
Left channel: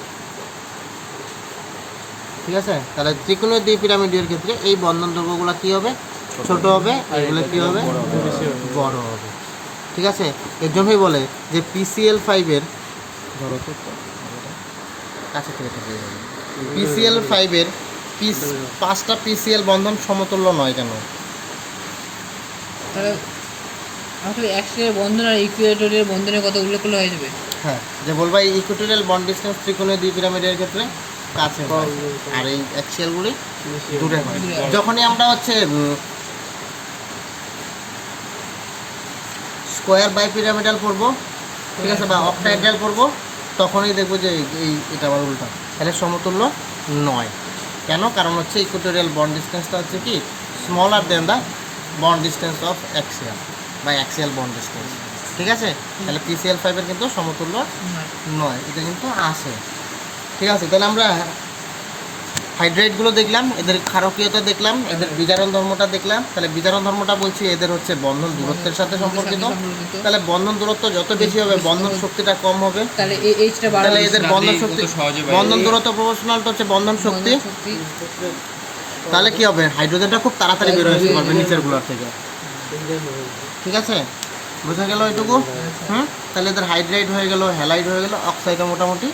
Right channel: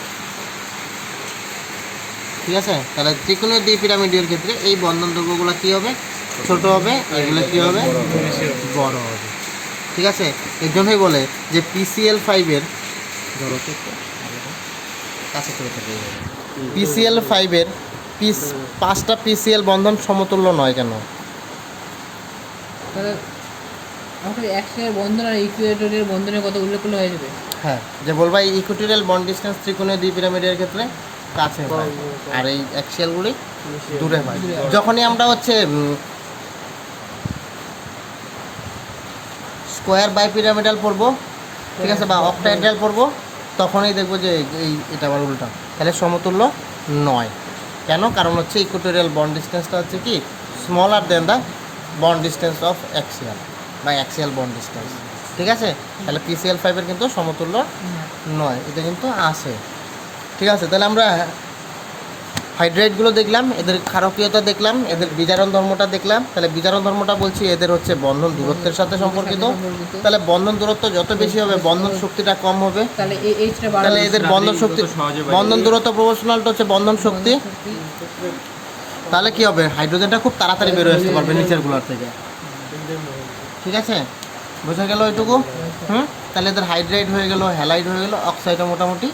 ঠিক আছে? তাহলে ত্রিকোণীয় দ্বিপিরামিডীয় ক্ষেত্রে এই বন্ধন দৈর্ঘ্যগুলো কী হবে? ছোট হবে, এগুলো কী হবে? বড় হবে, ঠিক আছে? এর জন্যই বলে যে PCl5-এর ধরো তো কাছে করে থাকে, PCl5-এর 5টা PCl বন্ধন সমতুল্য নয় কেন? তাহলে আমাকে অ্যাক্সিয়াল বন্ধন আর ইকুয়েটরিয়াল বন্ধনের কথা উল্লেখ করলে হয়ে যাবে। হ্যাঁ, যে বলবা ইকুয়েটোরিয়াল বন্ড ডিস্টেন্স ত্রিকোণীয় দ্বিপিরামিডের ক্ষেত্রে কাছে হয়, আর এই অ্যাক্সিয়ালগুলি দূরে হয়। যখনই আমরা হচ্ছে স্কোয়ার বাই পিরামিডাল পড়বো, ঠিক আছে, বা অক্টাহেড্রাল পড়বো, তখনই দেখবো যে এই এটা আবার উল্টা, তাহলে সমতুল্য নয়। কেন? কারণ হচ্ছে ইকুয়েটোরিয়াল বন্ড ডিস্টেন্সটা হচ্ছে কি smaller then the bond distance of axial বা অ্যাক্সিয়াল বন্ড ডিস্টেন্স, ঠিক আছে? তাহলে PCl5-এর কিন্তু সমতুল্য নয়, এটা কিন্তু আসে, ঠিক আছে? তাহলে আমরা হাইড্রাইডগুলো দেখলাম, এদের ক্ষারকীয়তা দেখলাম, এদের বিজারণ ধর্মটা দেখলাম। তাহলে বিজারণ ধর্মটা বলছি এদের হচ্ছে বন্ধন দূরত্বের সাথে সম্পর্কিত। তাহলে বন্ধন দূরত্ব যত বেশি হবে বন্ধন শক্তিটা কম হবে, তাহলে এইচটা বাড়াবে। তাহলে এদের বন্ধন শক্তি, বন্ধন দূরত্ব প্রপোর্শনাল হচ্ছে বন্ধন শক্তি। তাহলে কি হবে? হাইড্রোজেনটা খুব তাড়াতাড়ি বের হয়ে আসতে পারবে নিচের গুলোর থেকে, ঠিক আছে? বোঝা গেল এটুকু? তাহলে এদের হাইড্রাইড হয়ে গেল, হ্যালাইড হয়ে গেল, অক্সাইডও মোটামুটি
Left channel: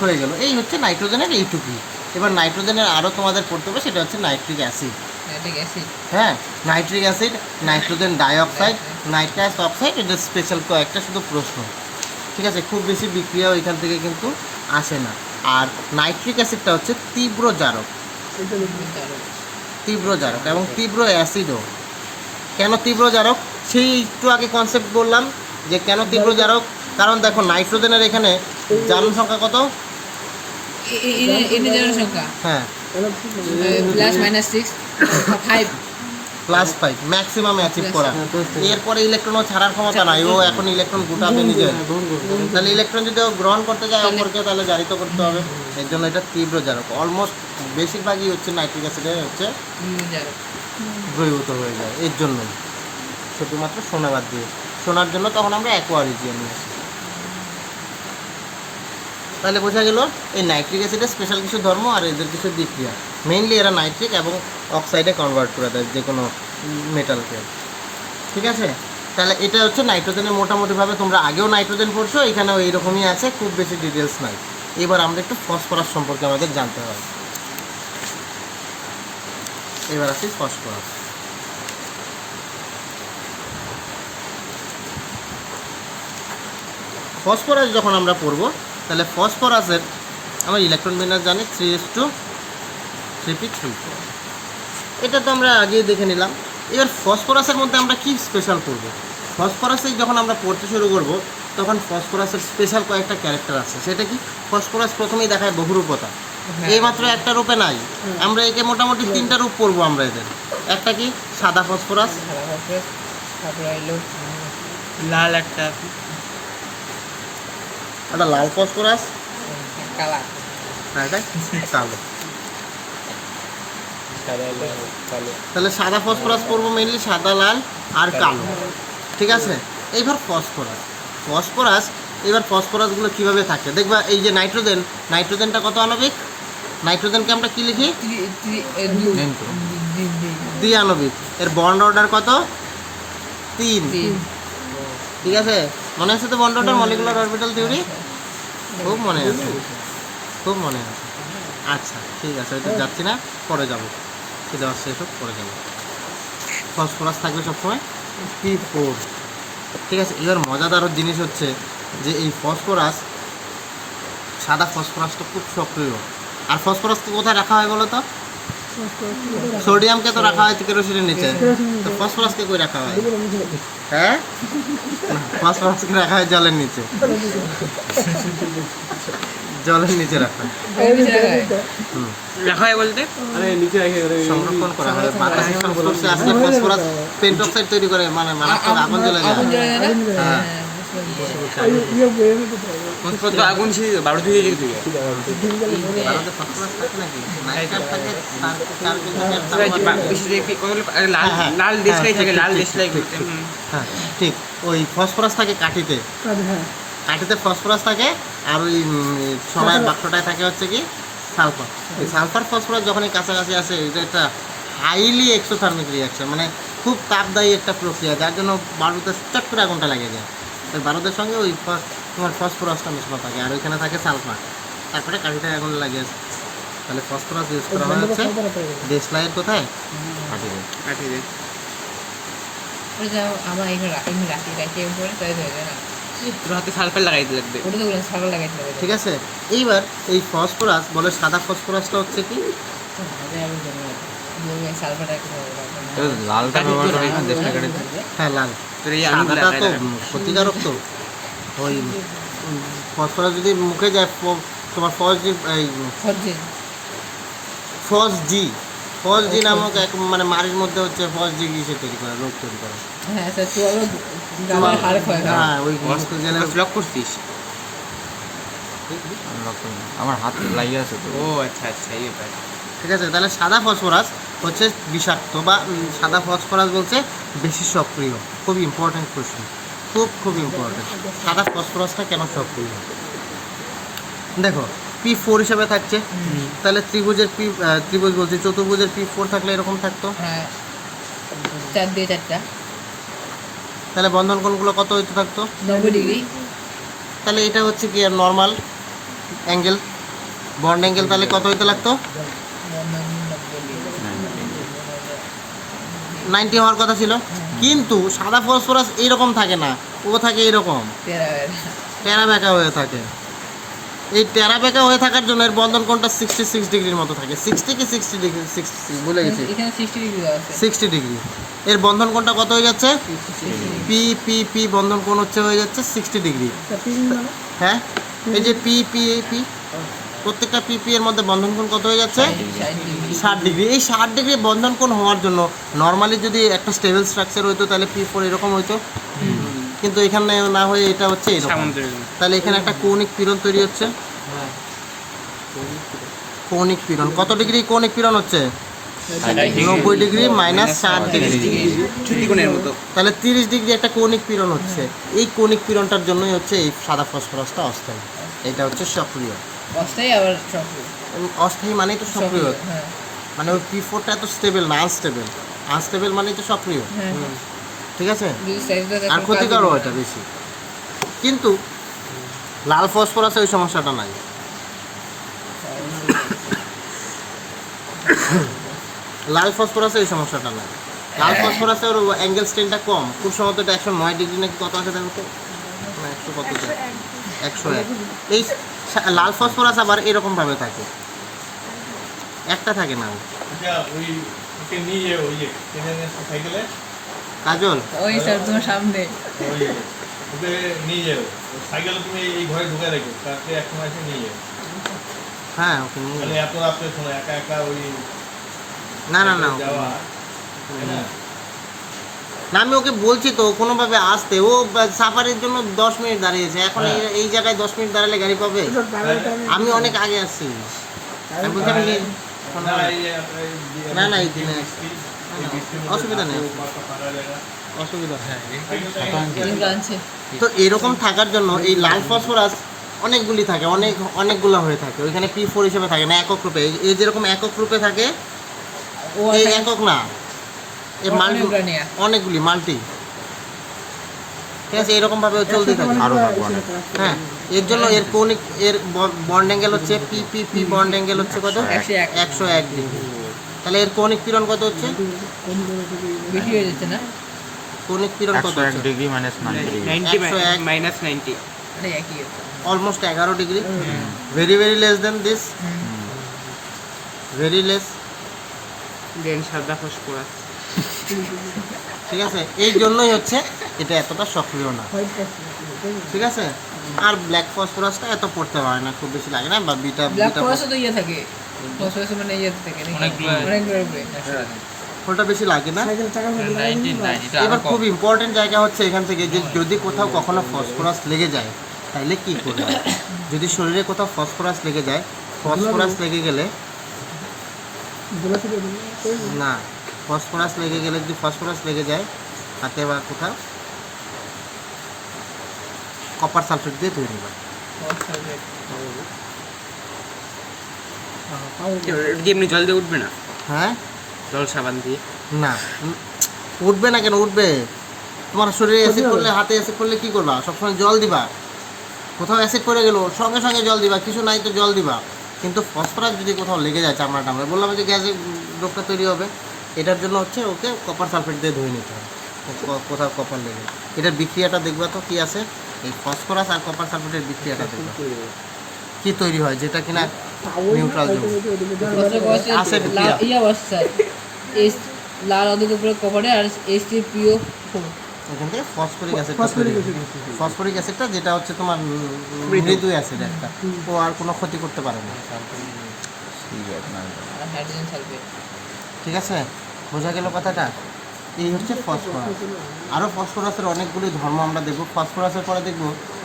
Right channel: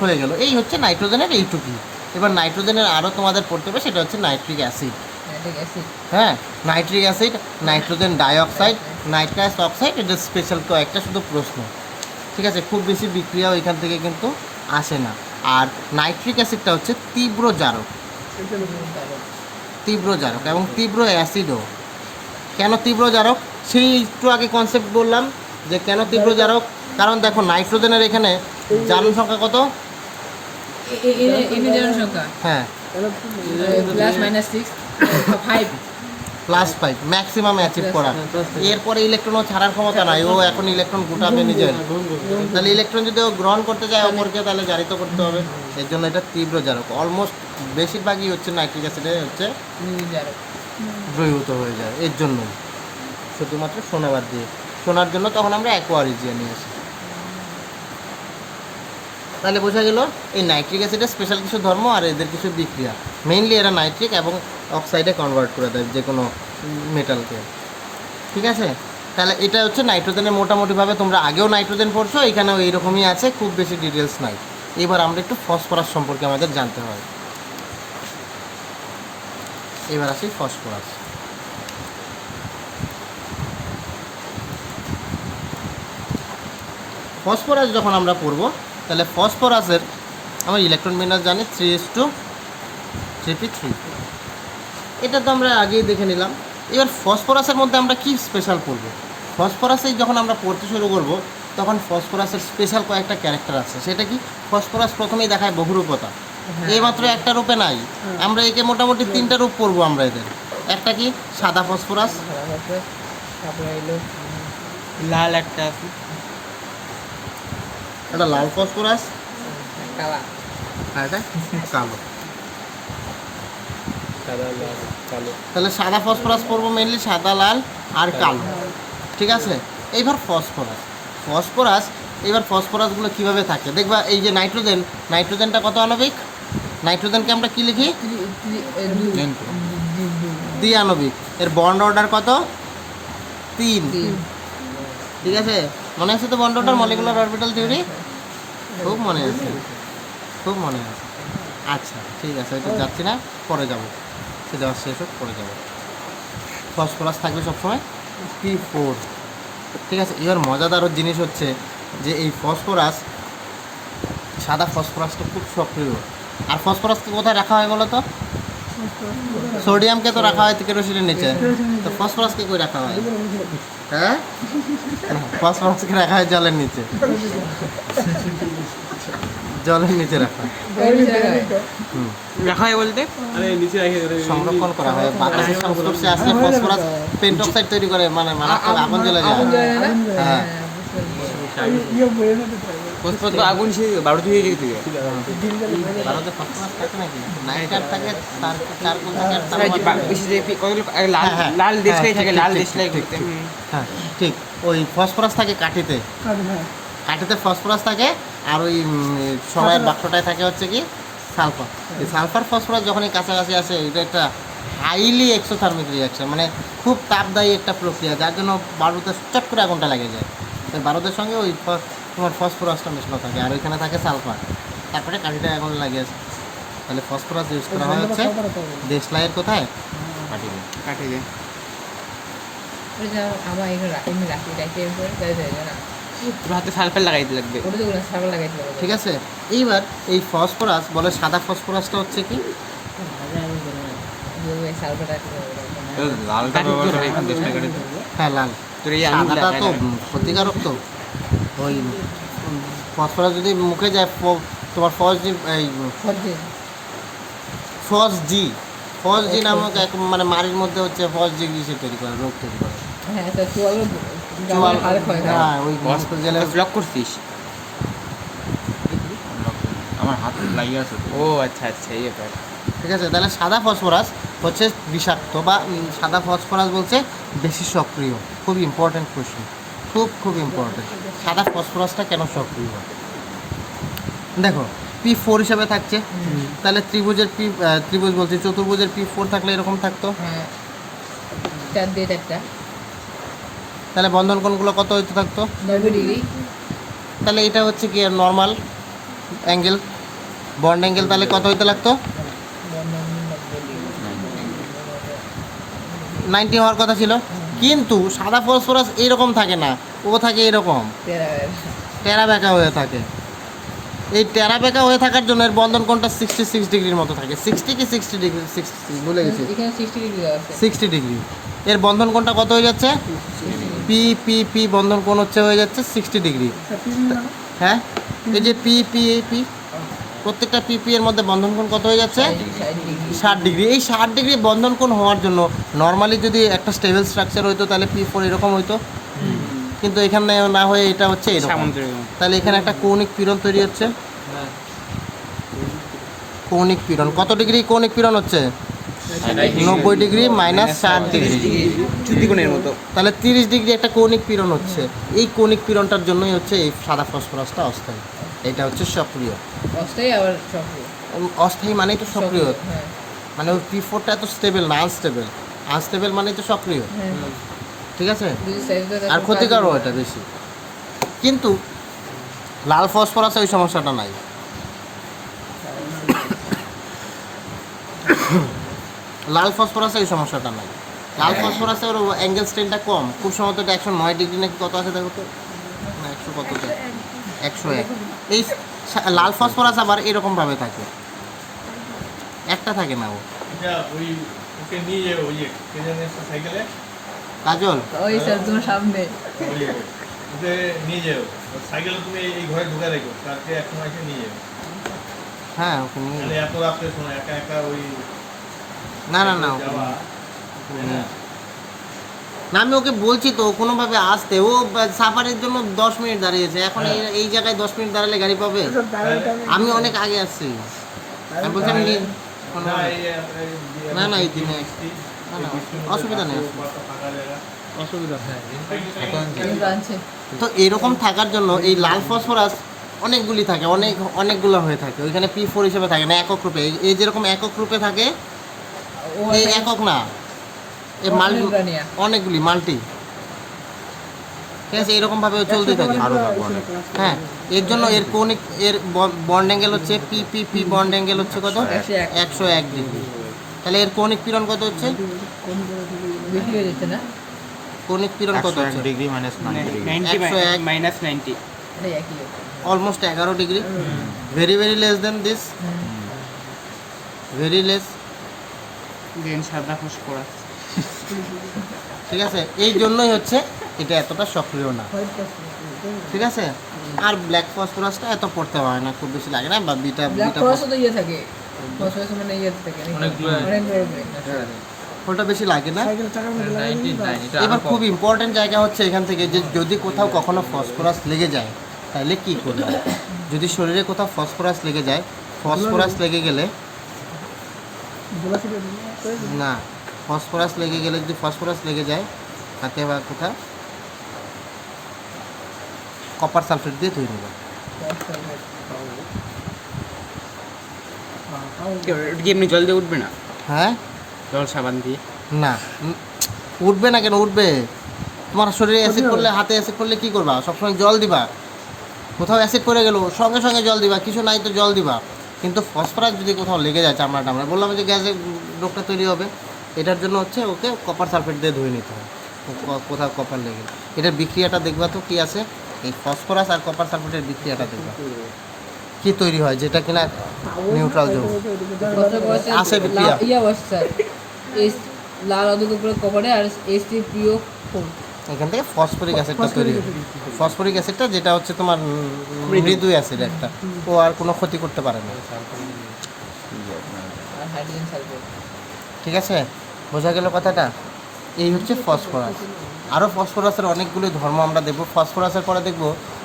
হয়ে গেল। এই হচ্ছে নাইট্রোজেনের এইটুকুই। এবার নাইট্রোজেনের আরও তোমাদের পড়তে হবে, সেটা হচ্ছে নাইট্রিক অ্যাসিড। হ্যাঁ, nitric acid, nitrogen dioxide, nitrous oxide, এটা স্পেশাল কয়েকটা শুধু প্রশ্ন, ঠিক আছে? খুব বেশি বিক্রিয়া ওইখান থেকে কিন্তু আসে না। আর নাইট্রিক অ্যাসিডটা হচ্ছে তীব্র জারক, তীব্র জারক এবং তীব্র অ্যাসিডও। কেন তীব্র জারক? সেই একটু আগে কনসেপ্ট বললাম যে কেন তীব্র জারক। কারণ দেখো নাইট্রোজেনের এখানে জারণ সংখ্যা কত? সংখ্যা হ্যাঁ, +-6 5 +5 ম্যাক্সিমাম অ্যাচিভ করা। এরপরে ইলেকট্রনও ছাড়ার ক্ষমতা নাই, ও এখন ইলেকট্রন গোটাবে নিজের। তাহলে ইলেকট্রন যদি ও গ্রহণ করতে যায় অপরকে, তাহলে জারিত করতে হবে। এর জন্য এটা তীব্র জারক। অলমোস্ট বেশিরভাগই হচ্ছে নাইট্রিক অ্যাসিডে হচ্ছে দ্রবীভূত হয়ে যায়। এর জন্যই শুধুমাত্র সোনা বাদ দিয়ে, সোনার জন্য তখন আমরা অ্যাকোয়ারিজিয়া নিয়ে আসি। তাহলে বোঝা গেল এই নাইট্রিক অ্যাসিডের স্পেশাল কিছু ধর্ম আর এদের কিছু বিক্রিয়া। মেইনলি এরা নাইট্রিক এবং অক্সাইডে কনভার্ট করে দেয় যে কোনো মেটালকে, ঠিক আছে? তাহলে এটা হচ্ছে নাইট্রোজেনের মোটামুটিভাবে, তোমরা আগেও নাইট্রোজেন পড়ছো, এখানেও এইরকমই আছে, খুব বেশি ডিটেলস নাই। এবার আমরা একটু ফসফরাস সম্পর্কে আমাদের জানতে হবে। এবার আসি ফসফরাস। ফসফরাস যখন আমরা পড়বো, তাহলে ফসফরাসের আমরা ইলেকট্রন বিন্যাস জানি 3:3p3। এটা তো আমরা আগেই দেখে নিলাম। এবার ফসফরাসের মধ্যে আমরা কি স্পেশাল পড়ব? ফসফরাসে যখন আমরা পড়তে শুরু করব, তখন ফসফরাসের স্পেশাল কয়েকটা ক্যারেক্টার আছে। সেটা কি? ফসফরাস প্রথমেই দেখায় বহুরূপতা, এই মাত্র একটা রূপে নাই। আমরা একে মোটামুটি 3টা রূপ পড়বো আমরা এদের। একটা কি? সাদা ফসফরাস, তারপরে এলো লাল একটা আছে, একটা লাল ফসফরাস, কালা, আর এটা কালো। সাদা লাল কালো। তাহলে সাদা ফসফরাস পড়বো মেনলি, সাদা, লাল আর কালো, ঠিক আছে? এইবার ফসফরাস এবার ফসফরাসগুলো কীভাবে থাকে দেখবা। এই যে নাইট্রোজেন, নাইট্রোজেনটা কত আণবিক? নাইট্রোজেনকে আমরা কি লিখি? দ্বিআণবিক। এর বন্ড অর্ডার কত? 3, ঠিক আছে? মনে আছে তো bond order, molecular orbital theory? খুব মনে আছে, খুব মনে আছে। আচ্ছা, ঠিক আছে, ওইটা যাচ্ছি না, পরে যাব। কি দেওয়া শেষ হোক পড়ে যাবে। ফসফরাস থাকবে সবসময় P4। ঠিক আছে, এবার মজাদার জিনিস হচ্ছে যে এই ফসফরাস, সাদা ফসফরাসটা খুব সক্রিয়। আর ফসফরাসকে কোথায় রাখা হয় বলো তো? সোডিয়ামকে তো রাখা হয় কেরোসিনের নিচে, তো ফসফরাসকে কই রাখা হয়? হ্যাঁ, না, ফসফরাসকে রাখা হয় জলের নিচে। জলের নিচে রাখা হয়। হুম, দেখা হয় বলতে সংরক্ষণ করা হয়। বাতাসের সংস্পর্শে আসলে ফসফরাস পেন্টক্সাইড তৈরি করে, মানে মারাত্মক আগুন জ্বলে যায়। আগুন জ্বলে যায় না? হ্যাঁ। আগুন সেই বারো দিয়ে যেতে ভারতে ফসফরাস থাকে নাকি? নাইট্রেট থাকে, চারকোল থাকে, লাল হ্যাঁ, লাল হ্যাঁ, দেশলাই ঠিক, থাকে, ঠিক, লাল ঠিক, দেশলাই ঠিক, ঠিক। হ্যাঁ ঠিক, ওই ফসফরাস থাকে কাঠিতে। কাঠিতে ফসফরাস থাকে, আর ওই সরাইয়ের বাক্সটায় থাকে হচ্ছে কি সালফার। এই সালফার ফসফরাস যখন এই কাছাকাছি আসে, এটা একটা হাইলি এক্সোথার্মিক রিয়াকশন, মানে খুব তাপদায়ী একটা প্রক্রিয়া, যার জন্য বারুদে চট করে আগুনটা লেগে যায়। ওই বারুদের সঙ্গে ওই তোমার ফসফরাসটা মেশানো থাকে, আর ওইখানে থাকে সালফার, তারপরে কাঠিটা আগুন লাগে। তাহলে ফসফরাস ইউজ করা হয় হচ্ছে দেশলাইয়ের কোথায়? কাঠিতে। কাটিয়ে ওটা আমার এখানে রাখি করে তাই হয়ে যায় না? তোর হাতে সালফেট লাগাইতে লাগবে। ওটা তো বললাম সাগর লাগাইতে হবে। ঠিক আছে, এইবার এই ফসফরাস বলে সাদা ফসফরাসটা হচ্ছে কি? সালফার লালটা ব্যবহার করে এখানে দেশলাই কাটিতে। হ্যাঁ লাল। তোর এই সাদাটা তো ক্ষতিকারক তো। ওই ফসফরাস যদি মুখে যায়, তোমার ফস জি নামক এক মানে মাড়ির মধ্যে হচ্ছে ফস জি গ্রিসে তৈরি করে, রোগ তৈরি করে। হ্যাঁ স্যার, চুয়ালো হ্যাঁ, ওই মস্ত গেলে ব্লক করছিস। আমার হাত লাগিয়ে আছে তো। ও আচ্ছা আচ্ছা, ইয়ে পাই। ঠিক আছে, তাহলে সাদা ফসফরাস হচ্ছে বিষাক্ত, বা সাদা ফসফরাস বলছে বেশি সক্রিয়। খুব ইম্পর্টেন্ট কোশ্চেন, খুব ইম্পর্টেন্ট। সাদা ফসফরাসটা কেন সক্রিয়? দেখো P4 হিসাবে থাকছে, তাহলে ত্রিভুজ বলছি, চতুর্ভুজের P4 থাকলে এরকম থাকতো। হ্যাঁ, 4 দিয়ে 4টা তাহলে বন্ধন কোণগুলো কত হইতে থাকতো? 90 ডিগ্রি। তাহলে এটা হচ্ছে কি নর্মাল অ্যাঙ্গেল, বন্ড অ্যাঙ্গেল, তাহলে কত হইতে লাগতো? 90 হওয়ার কথা ছিল। কিন্তু সাদা ফসফরাস এইরকম থাকে না, ও থাকে এরকম টেরা বেঁকা হয়ে থাকে। এই টেরা বেঁকা হয়ে থাকার জন্য এর বন্ধন কোণটা 66 ডিগ্রির মতো থাকে। 60 কি 60 ডিগ্রি? 60 ভুলে গেছি, এখানে 60 ডিগ্রি দেওয়া আছে। 60 ডিগ্রি। এর বন্ধন কোণটা কত হয়ে যাচ্ছে? পি পি পি বন্ধন কোণ হচ্ছে হয়ে যাচ্ছে 60 ডিগ্রি। হ্যাঁ, এই যে পি পি পি, প্রত্যেকটা পি পি এর মধ্যে বন্ধন কোণ কত হয়ে যাচ্ছে? 60 ডিগ্রি। এই 60 ডিগ্রি বন্ধন কোণ হওয়ার জন্য নর্মালি যদি একটা স্টেবল স্ট্রাকচার হইতো, তাহলে P4 এরকম হইতো, কিন্তু এখানে না হয়ে এটা হচ্ছে এরকম। তাহলে এখানে একটা কৌণিক পীড়ন তৈরি হচ্ছে। কৌণিক পীড়ন কত ডিগ্রি? কৌণিক পীড়ন হচ্ছে 90 ডিগ্রি মাইনাস 4 ডিগ্রি, চুতিকোণের মতো। তাহলে 30 ডিগ্রি একটা কৌণিক পীড়ন হচ্ছে। এই কৌণিক পীড়নটার জন্যই হচ্ছে এই সাদা ফসফরাসটা অস্থায়ী। এটা হচ্ছে সক্রিয়। অস্থায়ী আবার সক্রিয়। অস্থায়ী মানেই তো সক্রিয়, হ্যাঁ মানে ওই P4টা এত স্টেবল না, আনস্টেবল মানেই তো সক্রিয়। ঠিক আছে, আর ক্ষতিকারও এটা বেশি। কিন্তু লাল ফসফরাসে ওই সমস্যাটা নাই। লাল ফসফরাসে এই সমস্যাটা নাই। লাল ফসফরাসে ওর অ্যাঙ্গেল স্ট্রেনটা কম, খুব সম্ভবত এটা 109 ডিগ্রি নাকি কত আছে দেখো তো, না 100 কত, 101। এই লাল ফসফরাস আবার এরকমভাবে থাকে, একটা থাকে না ও। কাজল, ওই স্যার তোমার সামনে সাইকেল তুমি এই ঘরে ঢুকে রেখো, তাকে এক সময় এসে নিয়ে যাও। হ্যাঁ ওকে নিয়ে তাহলে এত রাত্রে শোনো, একা একা ওই না যাওয়া না, আমি ওকে বলছি তো কোনোভাবে আসতে, ও সাফারির জন্য 10 মিনিট দাঁড়িয়েছে। এখন এই জায়গায় 10 মিনিট দাঁড়ালে গাড়ি পাবে? আমি অনেক আগে আসছি, আমি বলছি আমি না এই দিনে অসুবিধা নেই, অসুবিধা নেই। তো এরকম থাকার জন্য এই লাল ফসফরাস অনেকগুলি থাকে, অনেকগুলো হয়ে থাকে। ওইখানে P4 হিসেবে থাকে না, একক রূপে। এই যেরকম একক রূপে থাকে, এই একক না, এর মাল্টি, অনেকগুলি মাল্টি। ঠিক আছে, এরকমভাবে চলতে থাকে, আরও থাকবো অনেক। হ্যাঁ, এর জন্য এর কৌণিক এর বন্ড অ্যাঙ্গেল হচ্ছে পি বন্ড অ্যাঙ্গেল হচ্ছে কত? 101 ডিগ্রি। তাহলে এর কৌণিক পীড়ন কত হচ্ছে? বেশি হয়ে যাচ্ছে না? কৌণিক পীড়ন কত 101 হচ্ছে? ডিগ্রি মাইনাস 90 ডিগ্রি 90 101 মাইনাস 90 আরে একই হচ্ছে। অলমোস্ট 11 ডিগ্রি, very very less than this, very less. Then সাদা ফসফরাস। ঠিক আছে, এই জন্যই হচ্ছে এটা এতটা সক্রিয় না। ঠিক আছে, আর ব্ল্যাক ফসফরাসটা এত পড়তে হয় না, খুব বেশি লাগে না, বা বিটা ব্ল্যাক বিটা ফসফরাসও তো ইয়ে থাকে, ফসফরাস মানে ইয়ে থাকে অনেকগুলো। ওটা বেশি লাগে না। এবার খুব ইম্পর্টেন্ট জায়গা হচ্ছে এখান থেকে, যে যদি কোথাও কখনো ফসফরাস লেগে যায় তাহলে কি করবে? যদি শরীরে কোথাও ফসফরাস লেগে যায়, ফসফরাস লেগে গেলে না, ফসফরাস লেগে গেলে, যদি ফসফরাস লেগে যায় হাতে বা কোথাও, কপার সালফেট দিয়ে ধুয়ে নেবে। কি এমনি জল দিয়ে উঠবে না? হ্যাঁ, জল সাবান দিয়ে? না উঠবে না কেন? উঠবে। তোমার শরীরে অ্যাসিড করলে, হাতে অ্যাসিড করলে কি করবা? সবসময় জল দিবা। কোথাও অ্যাসিড পড়ে গেল সঙ্গে সঙ্গে জল দিবা, কিছু নাই তো জল দিবা। কিন্তু ফসফরাস যদি কোথাও লেগে যায় চামড়া টামড়ায়, বললাম যে গ্যাসের রোগটা তৈরি হবে, এটার জন্য হচ্ছে ওকে কপার সালফেট দিয়ে ধুয়ে নিতে হবে কোথাও কপার লেগে। এটার বিক্রিয়াটা দেখবা তো কি আছে, এই ফসফরাস আর কপার সালফেটের বিক্রিয়াটা দেখবা কি তৈরি হয়, যেটা কিনা নিউট্রাল জোন আছে বিক্রিয়া। ইয়া বসছে লাল অধিক উপরে কপারে আর H3PO4 এখান থেকে ফসফরিক অ্যাসিডটা তৈরি হয়। ফসফরিক অ্যাসিডটা যেটা হচ্ছে তোমার মৃদু অ্যাসিড একটা, ও আর কোনো ক্ষতি করতে পারে না। আর হাইড্রোজেন সালফেট। ঠিক আছে, বোঝা গেল কথাটা? এই হচ্ছে ফসফরাস। আরও ফসফরাসের অনেকগুলি ধর্ম আমরা দেখব। ফসফরাসের পরে দেখব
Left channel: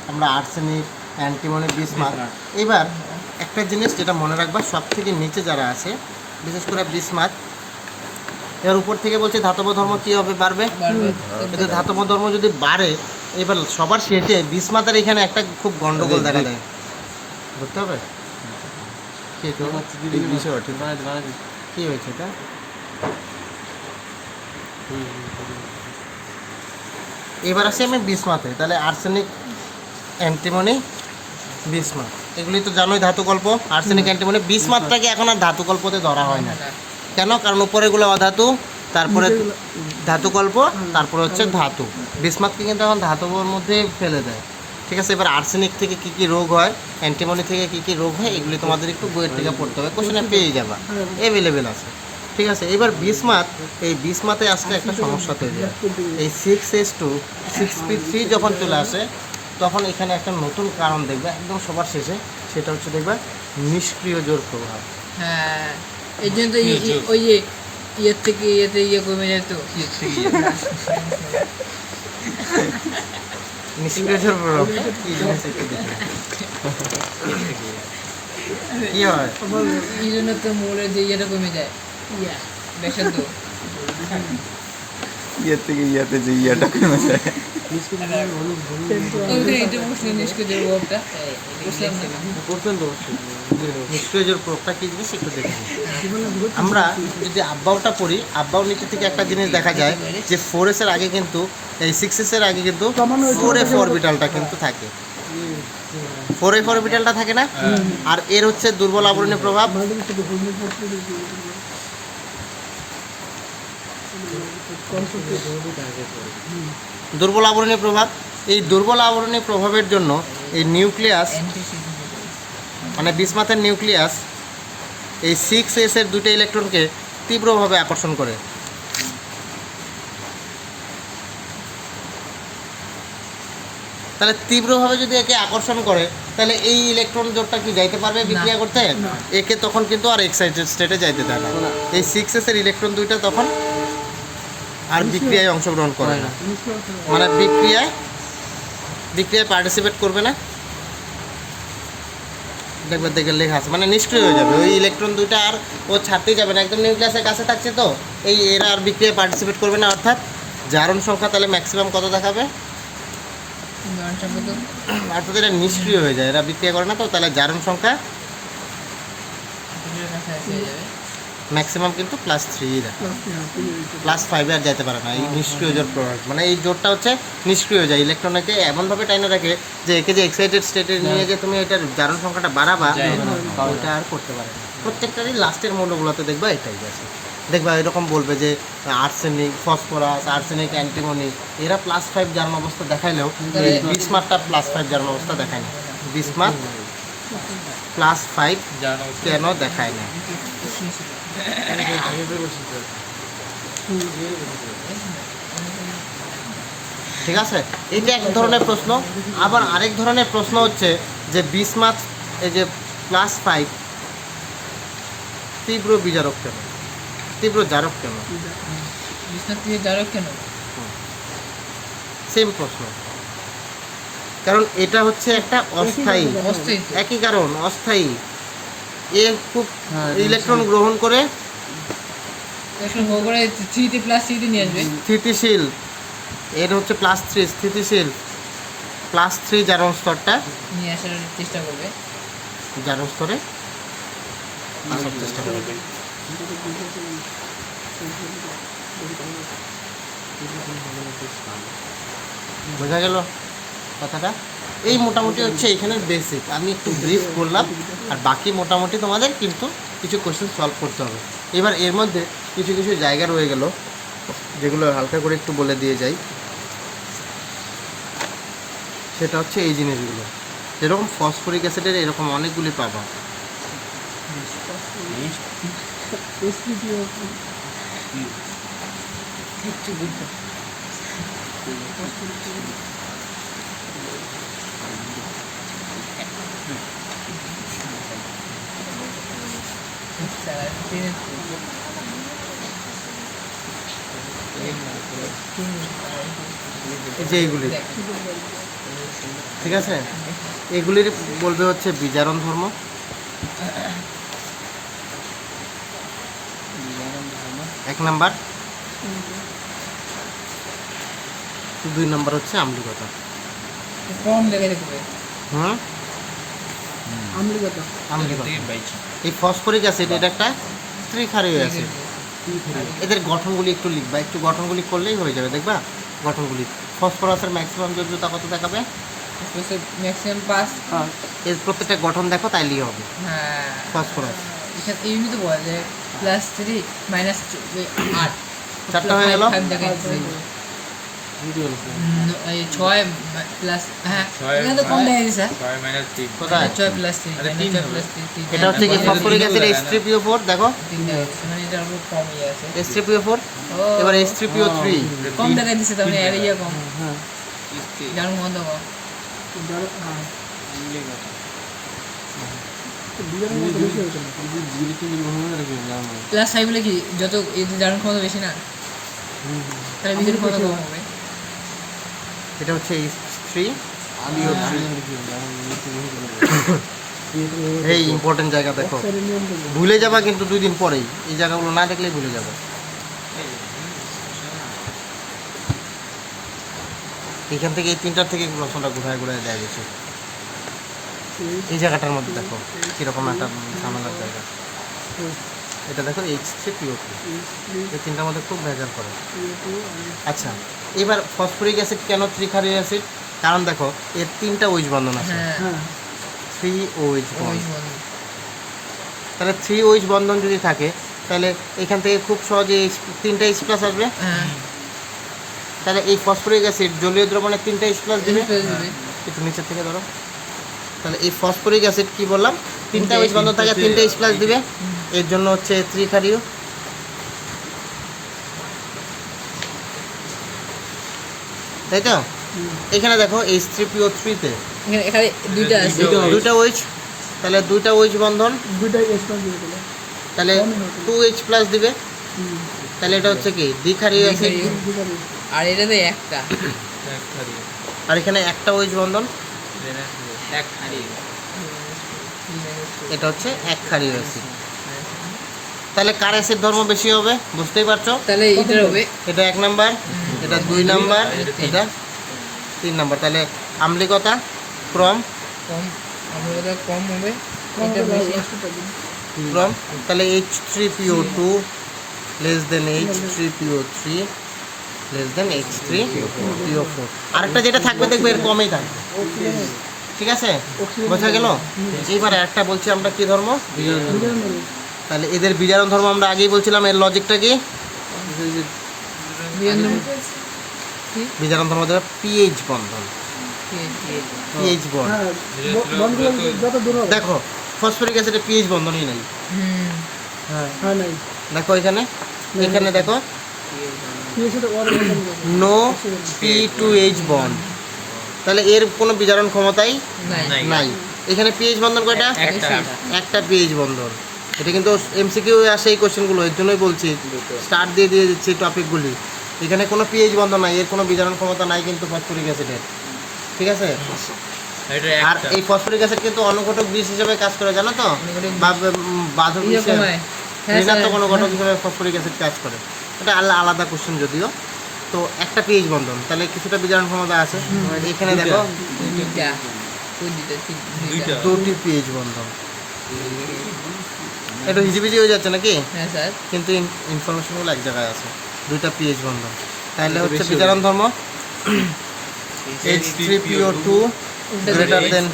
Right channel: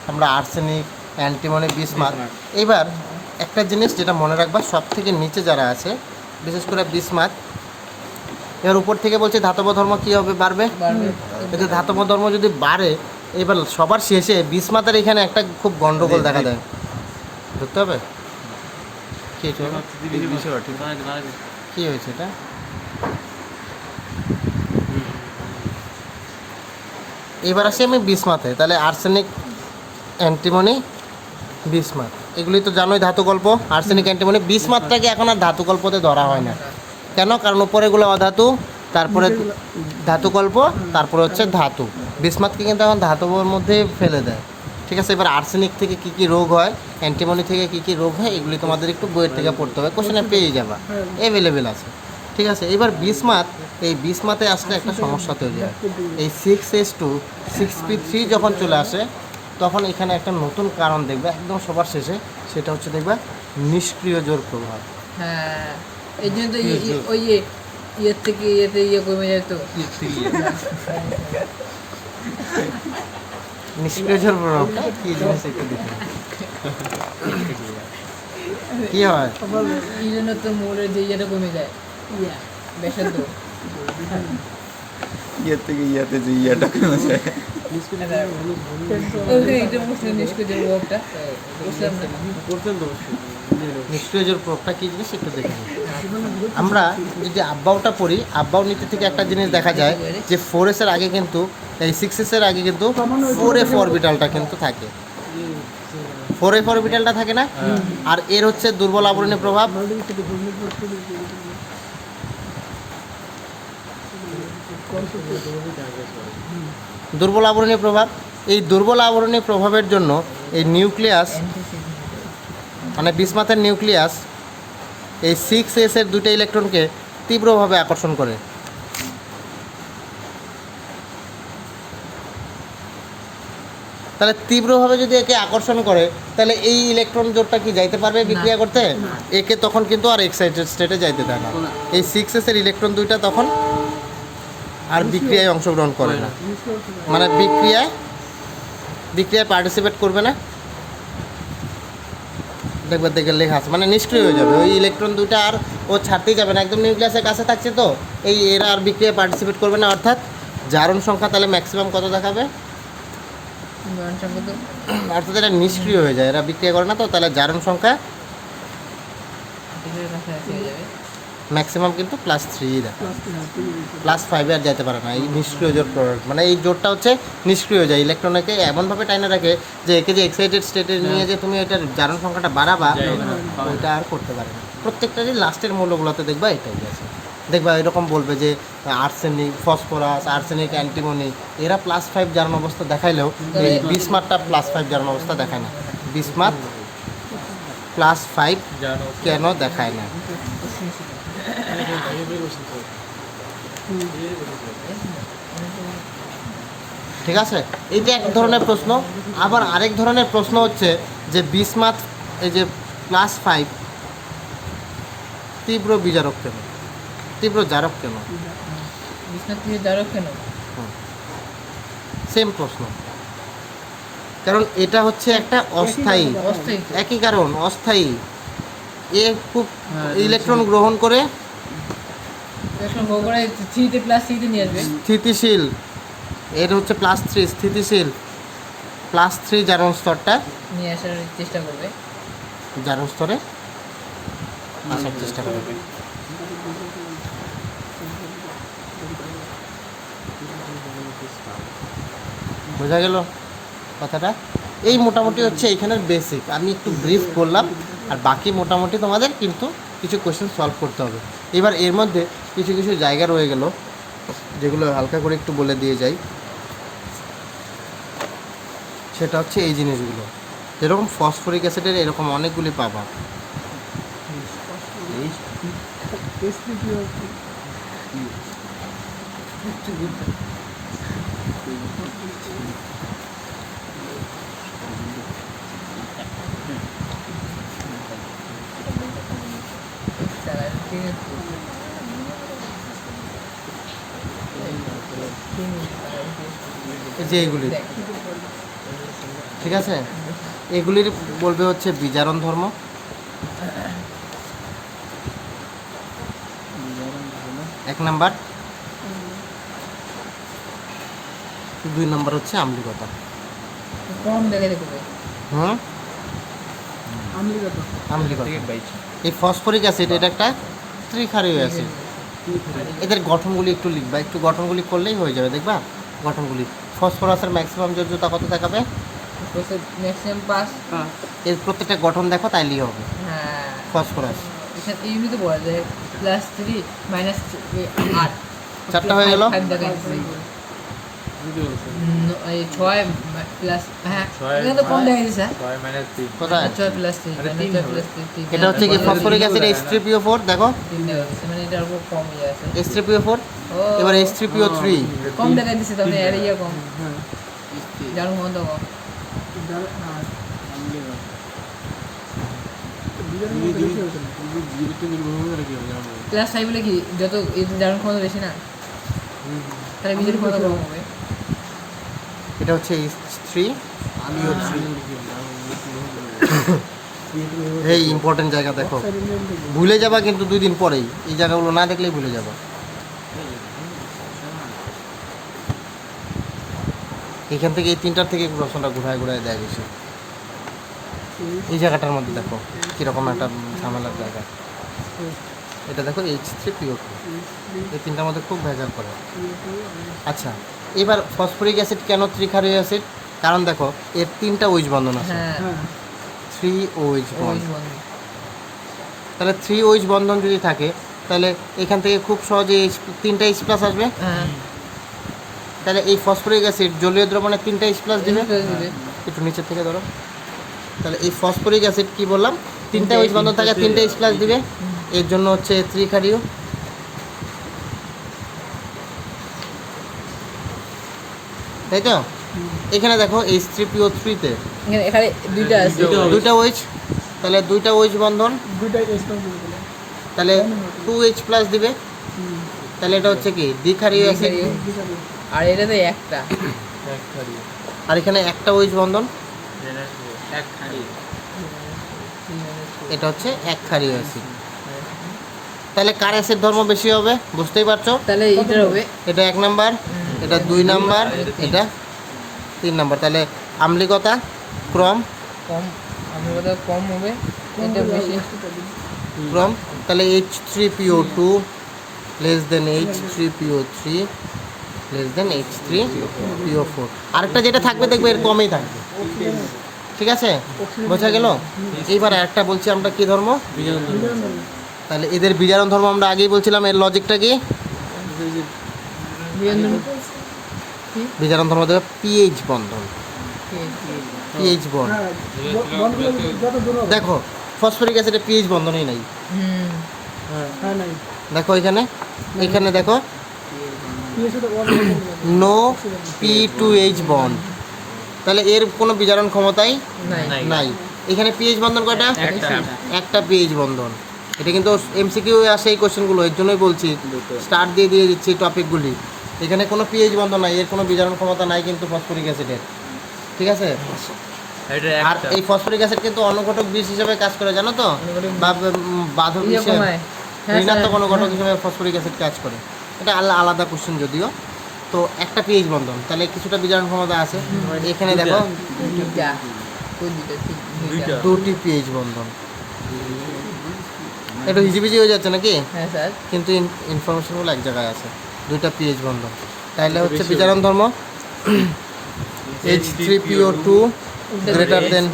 আমরা আর্সেনিক, অ্যান্টিমনি, বিসমাথ। এবার একটা জিনিস যেটা মনে রাখবা, সব থেকে নিচে যারা আছে, বিশেষ করে বিসমাথ, এর উপর থেকে বলছে ধাতব ধর্ম কী হবে? বাড়বে। কিন্তু ধাতব ধর্ম যদি বাড়ে, এবার সবার শেষে বিসমাথের এখানে একটা খুব গন্ডগোল দেখা দেয়, বুঝতে হবে কী কী হয়েছে এটা। এবার আসি আমি বিসমাথে। তাহলে আর্সেনিক, অ্যান্টিমনি, বিসমাথ, এগুলি তো জানোই ধাতুকল্প। আর্সেনিক, অ্যান্টিমনি, বিসমাথটাকে এখন আর ধাতুকল্পতে ধরা হয় না। কেন? কারণ উপরেগুলো অধাতু, তারপরে ধাতুকল্প, তারপরে হচ্ছে ধাতু। বিসমাথকে কিন্তু এখন ধাতুর মধ্যে ফেলে দেয়। ঠিক আছে, এবার আর্সেনিক থেকে কী কী রোগ হয়, অ্যান্টিমনি থেকে কী কী রোগ হয়, এগুলি তোমাদের একটু বইয়ের থেকে পড়তে হবে, কোশ্চেনে পেয়ে যাবা, অ্যাভেলেবেল আছে। ঠিক আছে, এবার বিসমাথ, এই বিসমাথে আসলে একটা সমস্যা তৈরি হয়। এই 6s2 6p3 যখন চলে আসে, তখন এখানে একটা নতুন কারণ দেখবে একদম সবার শেষে, সেটা হচ্ছে দেখবে নিষ্ক্রিয় জোর প্রভাব। হ্যাঁ, এই জন্য তো ওই যে ইয়ের থেকে ইয়েতে ইয়ে কমে যায় তো। নিষ্ক্রিয় জোর প্রভাব কি জিনিস একটু দেখে কি হয়? এই জন্য তো মোড়ের যে ইয়েটা কমে যায়, দেখেন তো। ইয়ের থেকে ইয়াতে যে ইয়াটা কমে যায়। ওইখানে এটা মুসলিম নিষ্ক্রিয় ওয়ার্ডটা বুঝলাম না। নিষ্ক্রিয় জোর প্রভাবটা কি জিনিস একটু দেখে নিই। আমরা যদি আব্বাওটা পড়ি, আব্বাও নীতি থেকে একটা জিনিস দেখা যায় যে 4s এর আগে কিন্তু, এই 6s এর আগে কিন্তু 4f অরবিটালটা কিন্তু থাকে। 4f অরবিটালটা থাকে না? আর এর হচ্ছে দুর্বল আবরণী প্রভাব। দুর্বল আবরণী প্রভাব, এই দুর্বল আবরণী প্রভাবের জন্য এই নিউক্লিয়াস, মানে বিসমাথের নিউক্লিয়াস এই 6s এর দুটো ইলেকট্রনকে তীব্রভাবে আকর্ষণ করে। তাহলে তীব্রভাবে যদি একে আকর্ষণ করে, তাহলে এই ইলেকট্রন জোটটা কি যাইতে পারবে বিক্রিয়া করতে? একে তখন কিন্তু আর এক্সাইটেড স্টেটে যাইতে দেয় না। এই 6s এর ইলেকট্রন দুইটা তখন আর বিক্রিয়ায় অংশগ্রহণ করে না, মানে বিক্রিয়ায় পার্টিসিপেট করবে না। দেখবার দেখে লেখা আছে, মানে নিষ্ক্রিয় হয়ে যাবে। ওই ইলেকট্রন দুইটা আর ও ছাড়তেই যাবে না, একদম নিউক্লিয়াসের কাছে থাকছে তো, এই এরা আর বিক্রিয়ায় পার্টিসিপেট করবে না। অর্থাৎ জারণ সংখ্যা তাহলে ম্যাক্সিমাম কত দেখাবে? অর্থাৎ এটা নিষ্ক্রিয় হয়ে যায়, এরা বিক্রিয়া করে না তো, তাহলে জারণ সংখ্যা ম্যাক্সিমাম কিন্তু +3 দেখা, +5 আর যেতে পারে না। এই নিষ্ক্রিয় জোট প্রভাব, মানে এই জোটটা হচ্ছে নিষ্ক্রিয় হয়ে যায়, ইলেকট্রনকে এমনভাবে টাইনে রাখে যে একে যে এক্সাইটেড স্টেটে নিয়ে যে তুমি এটার জারণ সংখ্যাটা বাড়াবা, ওইটা আর করতে পারে না। প্রত্যেকটারই লাস্টের মূল্যগুলোতে দেখবা এটাই আছে। দেখবা এরকম বলবে যে আর্সেনিক, ফসফরাস, আর্সেনিক, অ্যান্টিমনি এরা +5 জারণ অবস্থা দেখাইলেও এই বিসমাথটা +5 জারণ অবস্থা দেখায় না। বিসমাথ +5 কেন দেখায় না? ঠিক আছে, এইটা এক ধরনের প্রশ্ন। আবার আরেক ধরনের প্রশ্ন হচ্ছে যে বিসমাথ এই যে +5 তীব্র বিজারক কেন, তীব্র জারক কেন? বিষ্ণু দিয়ে জারক কেন? সেম প্রশ্ন, কারণ এটা হচ্ছে একটা অস্থায়ী, অস্থায়ী তো। একই কারণ অস্থায়ী। এ খুব ইলেকট্রন গ্রহণ করে এখন হোক করে 3 তে +3 তে নিয়ে আসবে। স্থিতিশীল, এর হচ্ছে +3 স্থিতিশীল, +3 জারণ স্তরটা নিয়ে আসার চেষ্টা করবে। জারণ স্তরে আসার চেষ্টা করবে। বোঝা গেল কথাটা? এই মোটামুটি হচ্ছে এখানের বেসিক। আমি একটু ব্রিফ করলাম, আর বাকি মোটামুটি তোমাদের কিন্তু কিছু কোশ্চেন সলভ করতে হবে। এবার এর মধ্যে কিছু কিছু জায়গা রয়ে গেল যেগুলো হালকা করে একটু বলে দিয়ে যাই। সেটা হচ্ছে এই জিনিসগুলো, যেরকম ফসফরিক অ্যাসিডের এরকম অনেকগুলি পাবা। এই যে এইগুলি, ঠিক আছে, এগুলির বলবে হচ্ছে বিজারণ ধর্ম। এক নাম্বার। 2 নাম্বার হচ্ছে আম্লিকতা। কম দেখাতে করবে। হুম, আম্লিকতা। এই ফসফরিক অ্যাসিড এটা একটা ত্রিক্ষারীয় অ্যাসিড। এদের গঠনগুলি একটু লিখবা, একটু গঠনগুলি করলেই হয়ে যাবে। দেখবা গঠনগুলি, ফসফরাসের ম্যাক্সিমাম যোগ্যতা কত দেখাবে? ম্যাক্সিমাম 5। এর প্রত্যেকটা গঠন দেখো, তাইলেই হবে। হ্যাঁ, ফসফরাস এখানে এমনি তো বলা যায় +3 -8 চারটা হয়ে গেল। 5 দেখাচ্ছে। 6 প্লাস, হ্যাঁ এখানে তো কম দেখা যাচ্ছে। 6 - 3 কোথায়? 6 + 3 3 এটা হচ্ছে কি ফসফরিক অ্যাসিড H3PO4, দেখো মানে এটার উপর কম ইয়ে আছে। H3PO4, এবার H3PO3 কম দেখা দিচ্ছে, তাহলে এর ইয়ে কম, জারণ মন্দ কম। +5 বলে কি যত এই জারণ ক্ষমতা বেশি না, তাহলে বিদ্যুৎ ক্ষমতা কম হবে। এটা হচ্ছে H3PO3। এই ইম্পর্টেন্ট জায়গা দেখো, ভুলে যাবা কিন্তু 2 দিন পরেই। এই জায়গাগুলো না দেখলেই ভুলে যাবে। এখান থেকে এই 3টার থেকে প্রশ্নটা ঘুরায় ঘুরায় দেয় বেশি। এই জায়গাটার মধ্যে দেখো কীরকম একটা ঝামেলার জায়গা। এটা দেখো H3PO3, এই 3টার মধ্যে খুব ভেজাল করে। আচ্ছা, এবার ফসফরিক অ্যাসিড কেন ত্রিক্ষারীয় অ্যাসিড? কারণ দেখো এর 3টা OH বন্ধন আছে, হ্যাঁ, 3 OH বন্ধন। ওই বল। তাহলে 3 OH বন্ধন যদি থাকে, তাহলে এখান থেকে খুব সহজে 3টা H+ আসবে। হ্যাঁ, তাহলে এই ফসফরিক অ্যাসিড জলীয় দ্রবণে 3টা H+ দিবে। দিবে। একটু নিচের থেকে ধরো। তাহলে এই ফসফরিক অ্যাসিড কি বললাম, 3টা OH বন্ধন থাকে, 3টা H+ দিবে। এর জন্য হচ্ছে ত্রিক্ষারীয়। তাই তো? এখানে দেখো H3PO3 তে এখানে দুইটা আছে। 2টা OH, তাহলে 2টা OH বন্ধন, তাহলে 2H+ দিবে। তাহলে এটা হচ্ছে কি দ্বিক্ষারীয় অ্যাসিড। আর এটাতে একটা। আর এখানে একটা OH বন্ধন, এটা হচ্ছে একক্ষারীয় অ্যাসিড। তাহলে কার অ্যাসিড ধর্ম বেশি হবে বুঝতেই পারছো? তাহলে এটার হবে এটা 1 নাম্বার, এটা 2 নাম্বার, এটা 3 নাম্বার। তাহলে আম্লিকতা ক্রম কম, আমরা কথা কম হবে, এটা বেশি। ক্রম, তাহলে H3PO2 less than H3PO3 less than H3PO4। আরেকটা যেটা থাকবে দেখবে এর কমই থাকবে। ঠিক আছে, বোঝা গেল? এইবার একটা বলছি আমরা কি ধর্ম? তাহলে এদের বিজারণ ধর্ম আমরা আগেই বলছিলাম, এর লজিকটা কি? বিজারণ ধর্ম দেবে পিএইচ বন্ধন, পিএইচ বন্ড। দেখো ফসফরিক অ্যাসিডে পিএইচ বন্ধনই নেই, দেখো এখানে, এখানে দেখো নো P2H বন্ড, তাহলে এর কোনো বিজারণ ক্ষমতাই নাই। এখানে পিএইচ বন্ধন কয়টা? একটা পিএইচ বন্ধন। এটা কিন্তু এমসিকিউ আসে এই কোশ্চেনগুলো, এর জন্যই বলছি স্টার্ট দিয়ে দিয়ে দিচ্ছি টপিকগুলি। এখানে কোনো পিএইচ বন্ধন নাই, এর কোনো বিজারণ ক্ষমতা নাই কিন্তু ফসফরিক অ্যাসিডের, ঠিক আছে? আর এই ফসফরিক অ্যাসিড কিন্তু অনুঘটক বিষ হিসেবে কাজ করে, জানো তো? বা বাধক হিসেবে, ঋণাত্মক অনুঘটক হিসেবে ফসফরিক অ্যাসিড কাজ করে। এটা আলাদা কোশ্চেন যদিও। তো একটা পিএইচ বন্ধন, তাহলে কিছুটা বিজারণ ক্ষমতা আছে। এখানে দেখো দুটি পিএইচ বন্ধন, একটু হিজিবিজি হয়ে যাচ্ছে নাকি? হ্যাঁ স্যার। কিন্তু ইনফরমেশনগুলো এক জায়গায় আছে, দুটা পিএইচ বন্ধন। তাহলে হচ্ছে বিজারণ ধর্ম H3PO2 গ্রেটার দেন,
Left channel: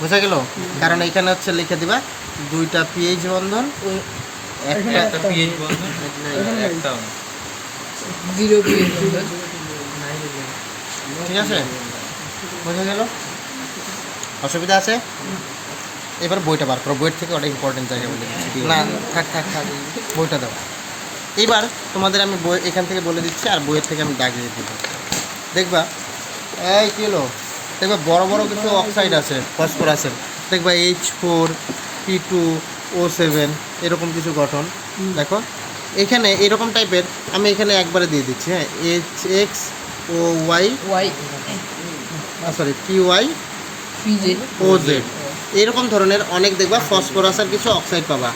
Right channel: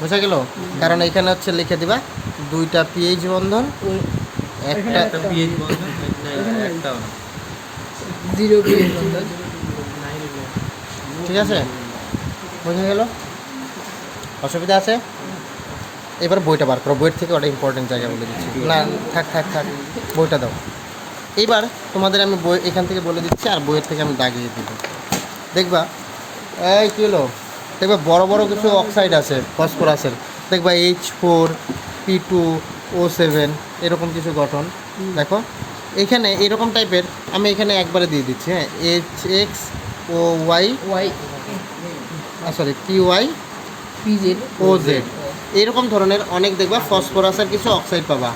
বোঝা গেল? কারণ এখানে হচ্ছে লিখে দিবা দুইটা পিএইচ বন্ধন, একটা পিএইচ বন্ধন, একটা জিরো পিএইচ বন্ধন, ঠিক আছে? বোঝা গেল? অসুবিধা আছে? এবার বইটা বার করো, বইয়ের থেকে ওটা ইম্পর্টেন্ট জায়গা বলে দিচ্ছি। না থাক থাক থাক, বইটা দাও। এইবার তোমাদের আমি বই এখান থেকে বলে দিচ্ছি, আর বইয়ের থেকে আমি দাগিয়ে দেব। দেখবা এই কী হলো, দেখবা বড় বড় কিছু অক্সাইড আছে ফসফরাসের, দেখবা H4P2O7 এরকম কিছু গঠন। দেখো এখানে এরকম টাইপের, আমি এখানে একবারে দিয়ে দিচ্ছি, হ্যাঁ, HXOY সরি PYOZ এরকম ধরনের অনেক দেখবা ফসফরাসের কিছু অক্সাইড পাবা,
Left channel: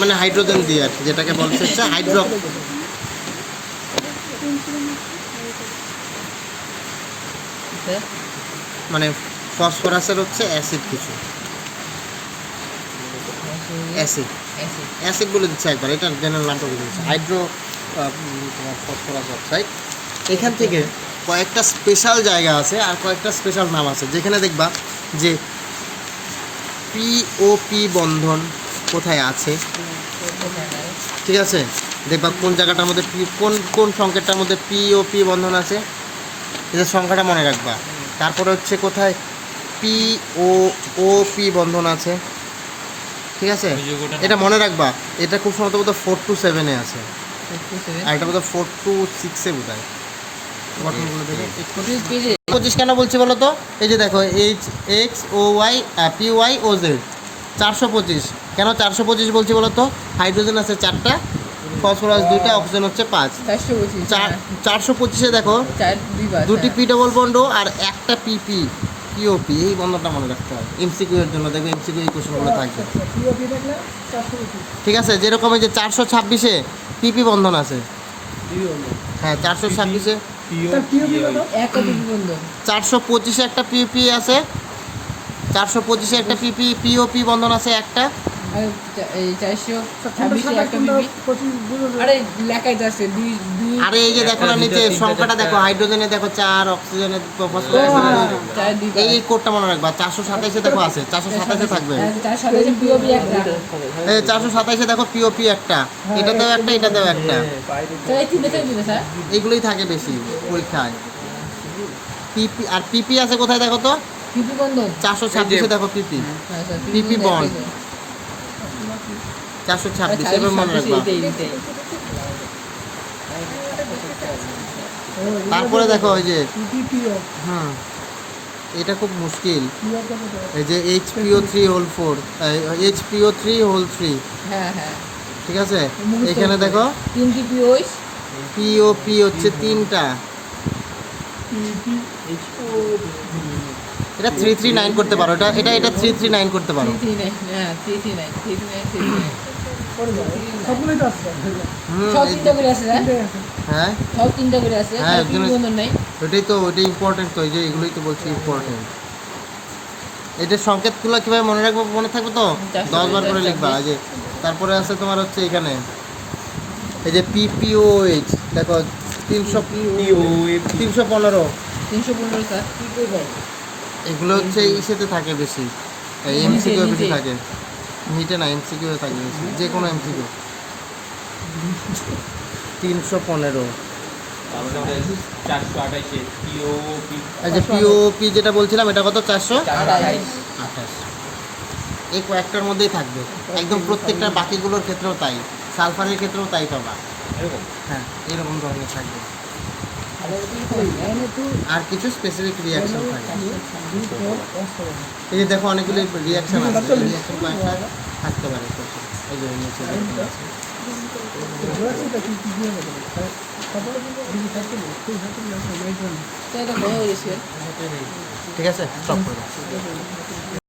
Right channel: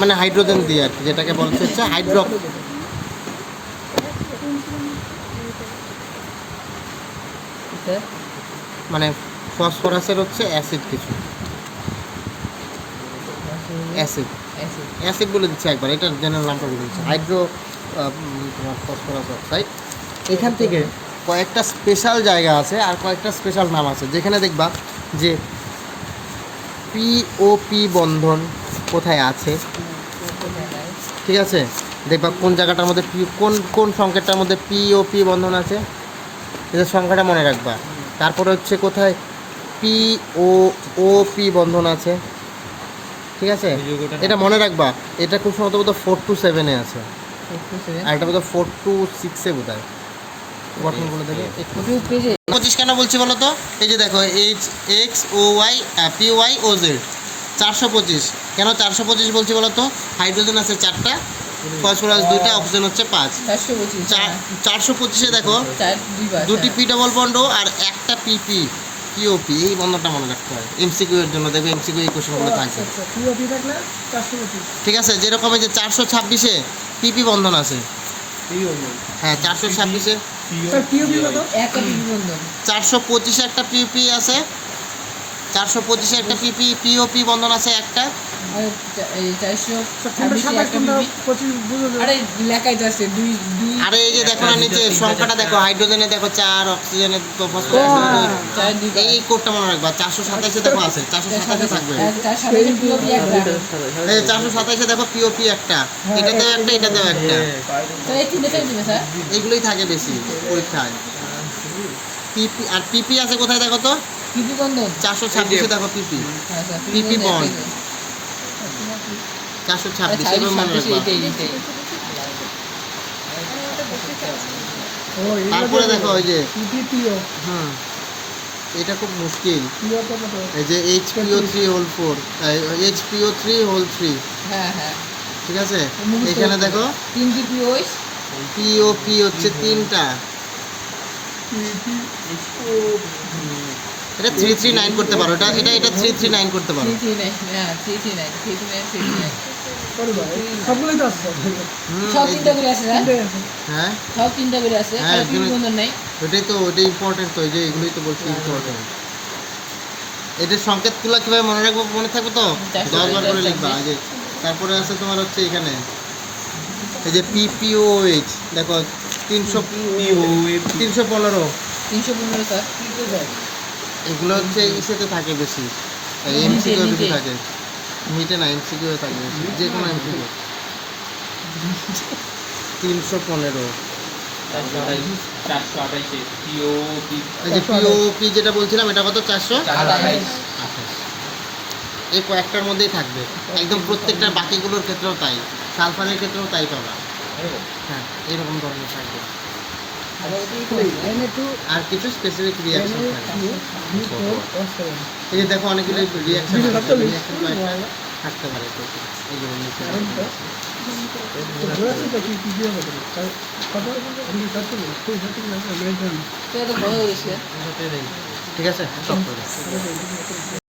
মানে হাইড্রোজেন দিয়ে আর কি, যেটাকে বলছে হচ্ছে মানে ফসফরাসের হচ্ছে অ্যাসিড, কিছু অ্যাসিড বলে দিচ্ছে একবার, এটার জেনারেল নামটা বলে দিচ্ছে ফসফরাস অক্সাইড। এখান থেকে কয়েকটা স্পেশাল জায়গা আছে আর কয়েকটা স্পেশাল নাম আছে, যেখানে দেখবা যে পিওপি বন্ধন কোথায় আছে, ঠিক আছে? দেখবা কোন জায়গাটার মধ্যে কোন কোন সংকেতটার মধ্যে পিওপি বন্ধন আছে, এদের সংখ্যাটা মনে রাখবা। তারপরে হচ্ছে কোথায় পিওপি বন্ধন আছে, ঠিক আছে? এটা মনে রাখবা, এটা খুব সম্ভবত বোধ 4 to 7 আছে, আর এটা বোধ 4 to 6 বোধ হয় গঠনগুলো দেখে। 25 কেন বলছি বলো তো? এই যে দেখো HXOY PYOZ 425, কেন 425 বলছি বলো তো? হাইড্রোজেন আছে 4টা, ফসফরাস 2টা, অক্সিজেন হচ্ছে 5। 425-এ দেখো দুটি পি ডবল বন্ড আর একটা পিপি পিওপি, এই বন্ধনটা মনে রাখতে হয় এমসিকিউ এর জন্য। দেখবে এমসিকিউ এই কোশ্চেনগুলো থাকবে, ঠিক আছে? যেরকম এই যে 426-এ পিপি বন্ধন আছে, হ্যাঁ 426-এ 425-এ একটা পিপি আছে, 425-এ একটা পিপি পিওপি বন্ধন আছে একটা, আরে এই যে দেখো না নিচে সংখ্যাটা দেখো, হাইড্রোজেনে দেখো 4, অক্সিজেনে এই কোডটা মনে রাখবা। 427-এ দেখো আছে, 427-এ থাকবে এই 427-এ দেখো পিওপি একটা, এটাতেও একটা, এটাতেও একটা, এইগুলোই থাকে বেশি পরীক্ষায়। পিপি আর পিপি আছে কোথায় দেখো তো? 426-এ দেখো পিপি, পিপি বন্ড 426, এবার মনে রাখবা। তারপরে দেখো ওই যে এটা খুব মুশকিল, এই যে HPO3 HPO3 ঠিক আছে? এখানে দেখো পিওপি হচ্ছে 3টা, এটা 339 করতে পারো, এটা 339 করতে পারো। হ্যাঁ ওটাই তো, ওটাই ইম্পর্টেন্ট তো, এই যে এগুলোই তো বলছি ইম্পর্টেন্ট। এটার সংকেতগুলো কীভাবে মনে রাখবো, মনে থাকবে তো 10 বার করে লিখবা। যে তারপরে আছে তোমার হচ্ছে এখানে এই যে PPOH দেখো 315 এগুলো হচ্ছে ইসেতে থাকে বেশি, এমসিকিউ বেশি থাকে, মিটে না এমসিকিউ থাকে বেশি, যে কোনো এমসিকিউ। 315। এই যে পিওপি যেটা বলছিলাম এটা কত? 428। এই কয়েকটার মধ্যেই থাকবে একদম, প্রত্যেকটা বাকিগুলোর ক্ষেত্রেও তাই, সালফারের ক্ষেত্রেও তাই পাবা। হ্যাঁ, এরকম ধরনের থাকবে। আর কিছু স্পেসিফিক রিয়াকশন থাকবে। এই যে দেখো অনেকগুলো রিয়াকশন থাকতে পারে। এই যে নিচে তো এটা বড় হয়ে গেছে। ঠিক আছে, সব করে দাও।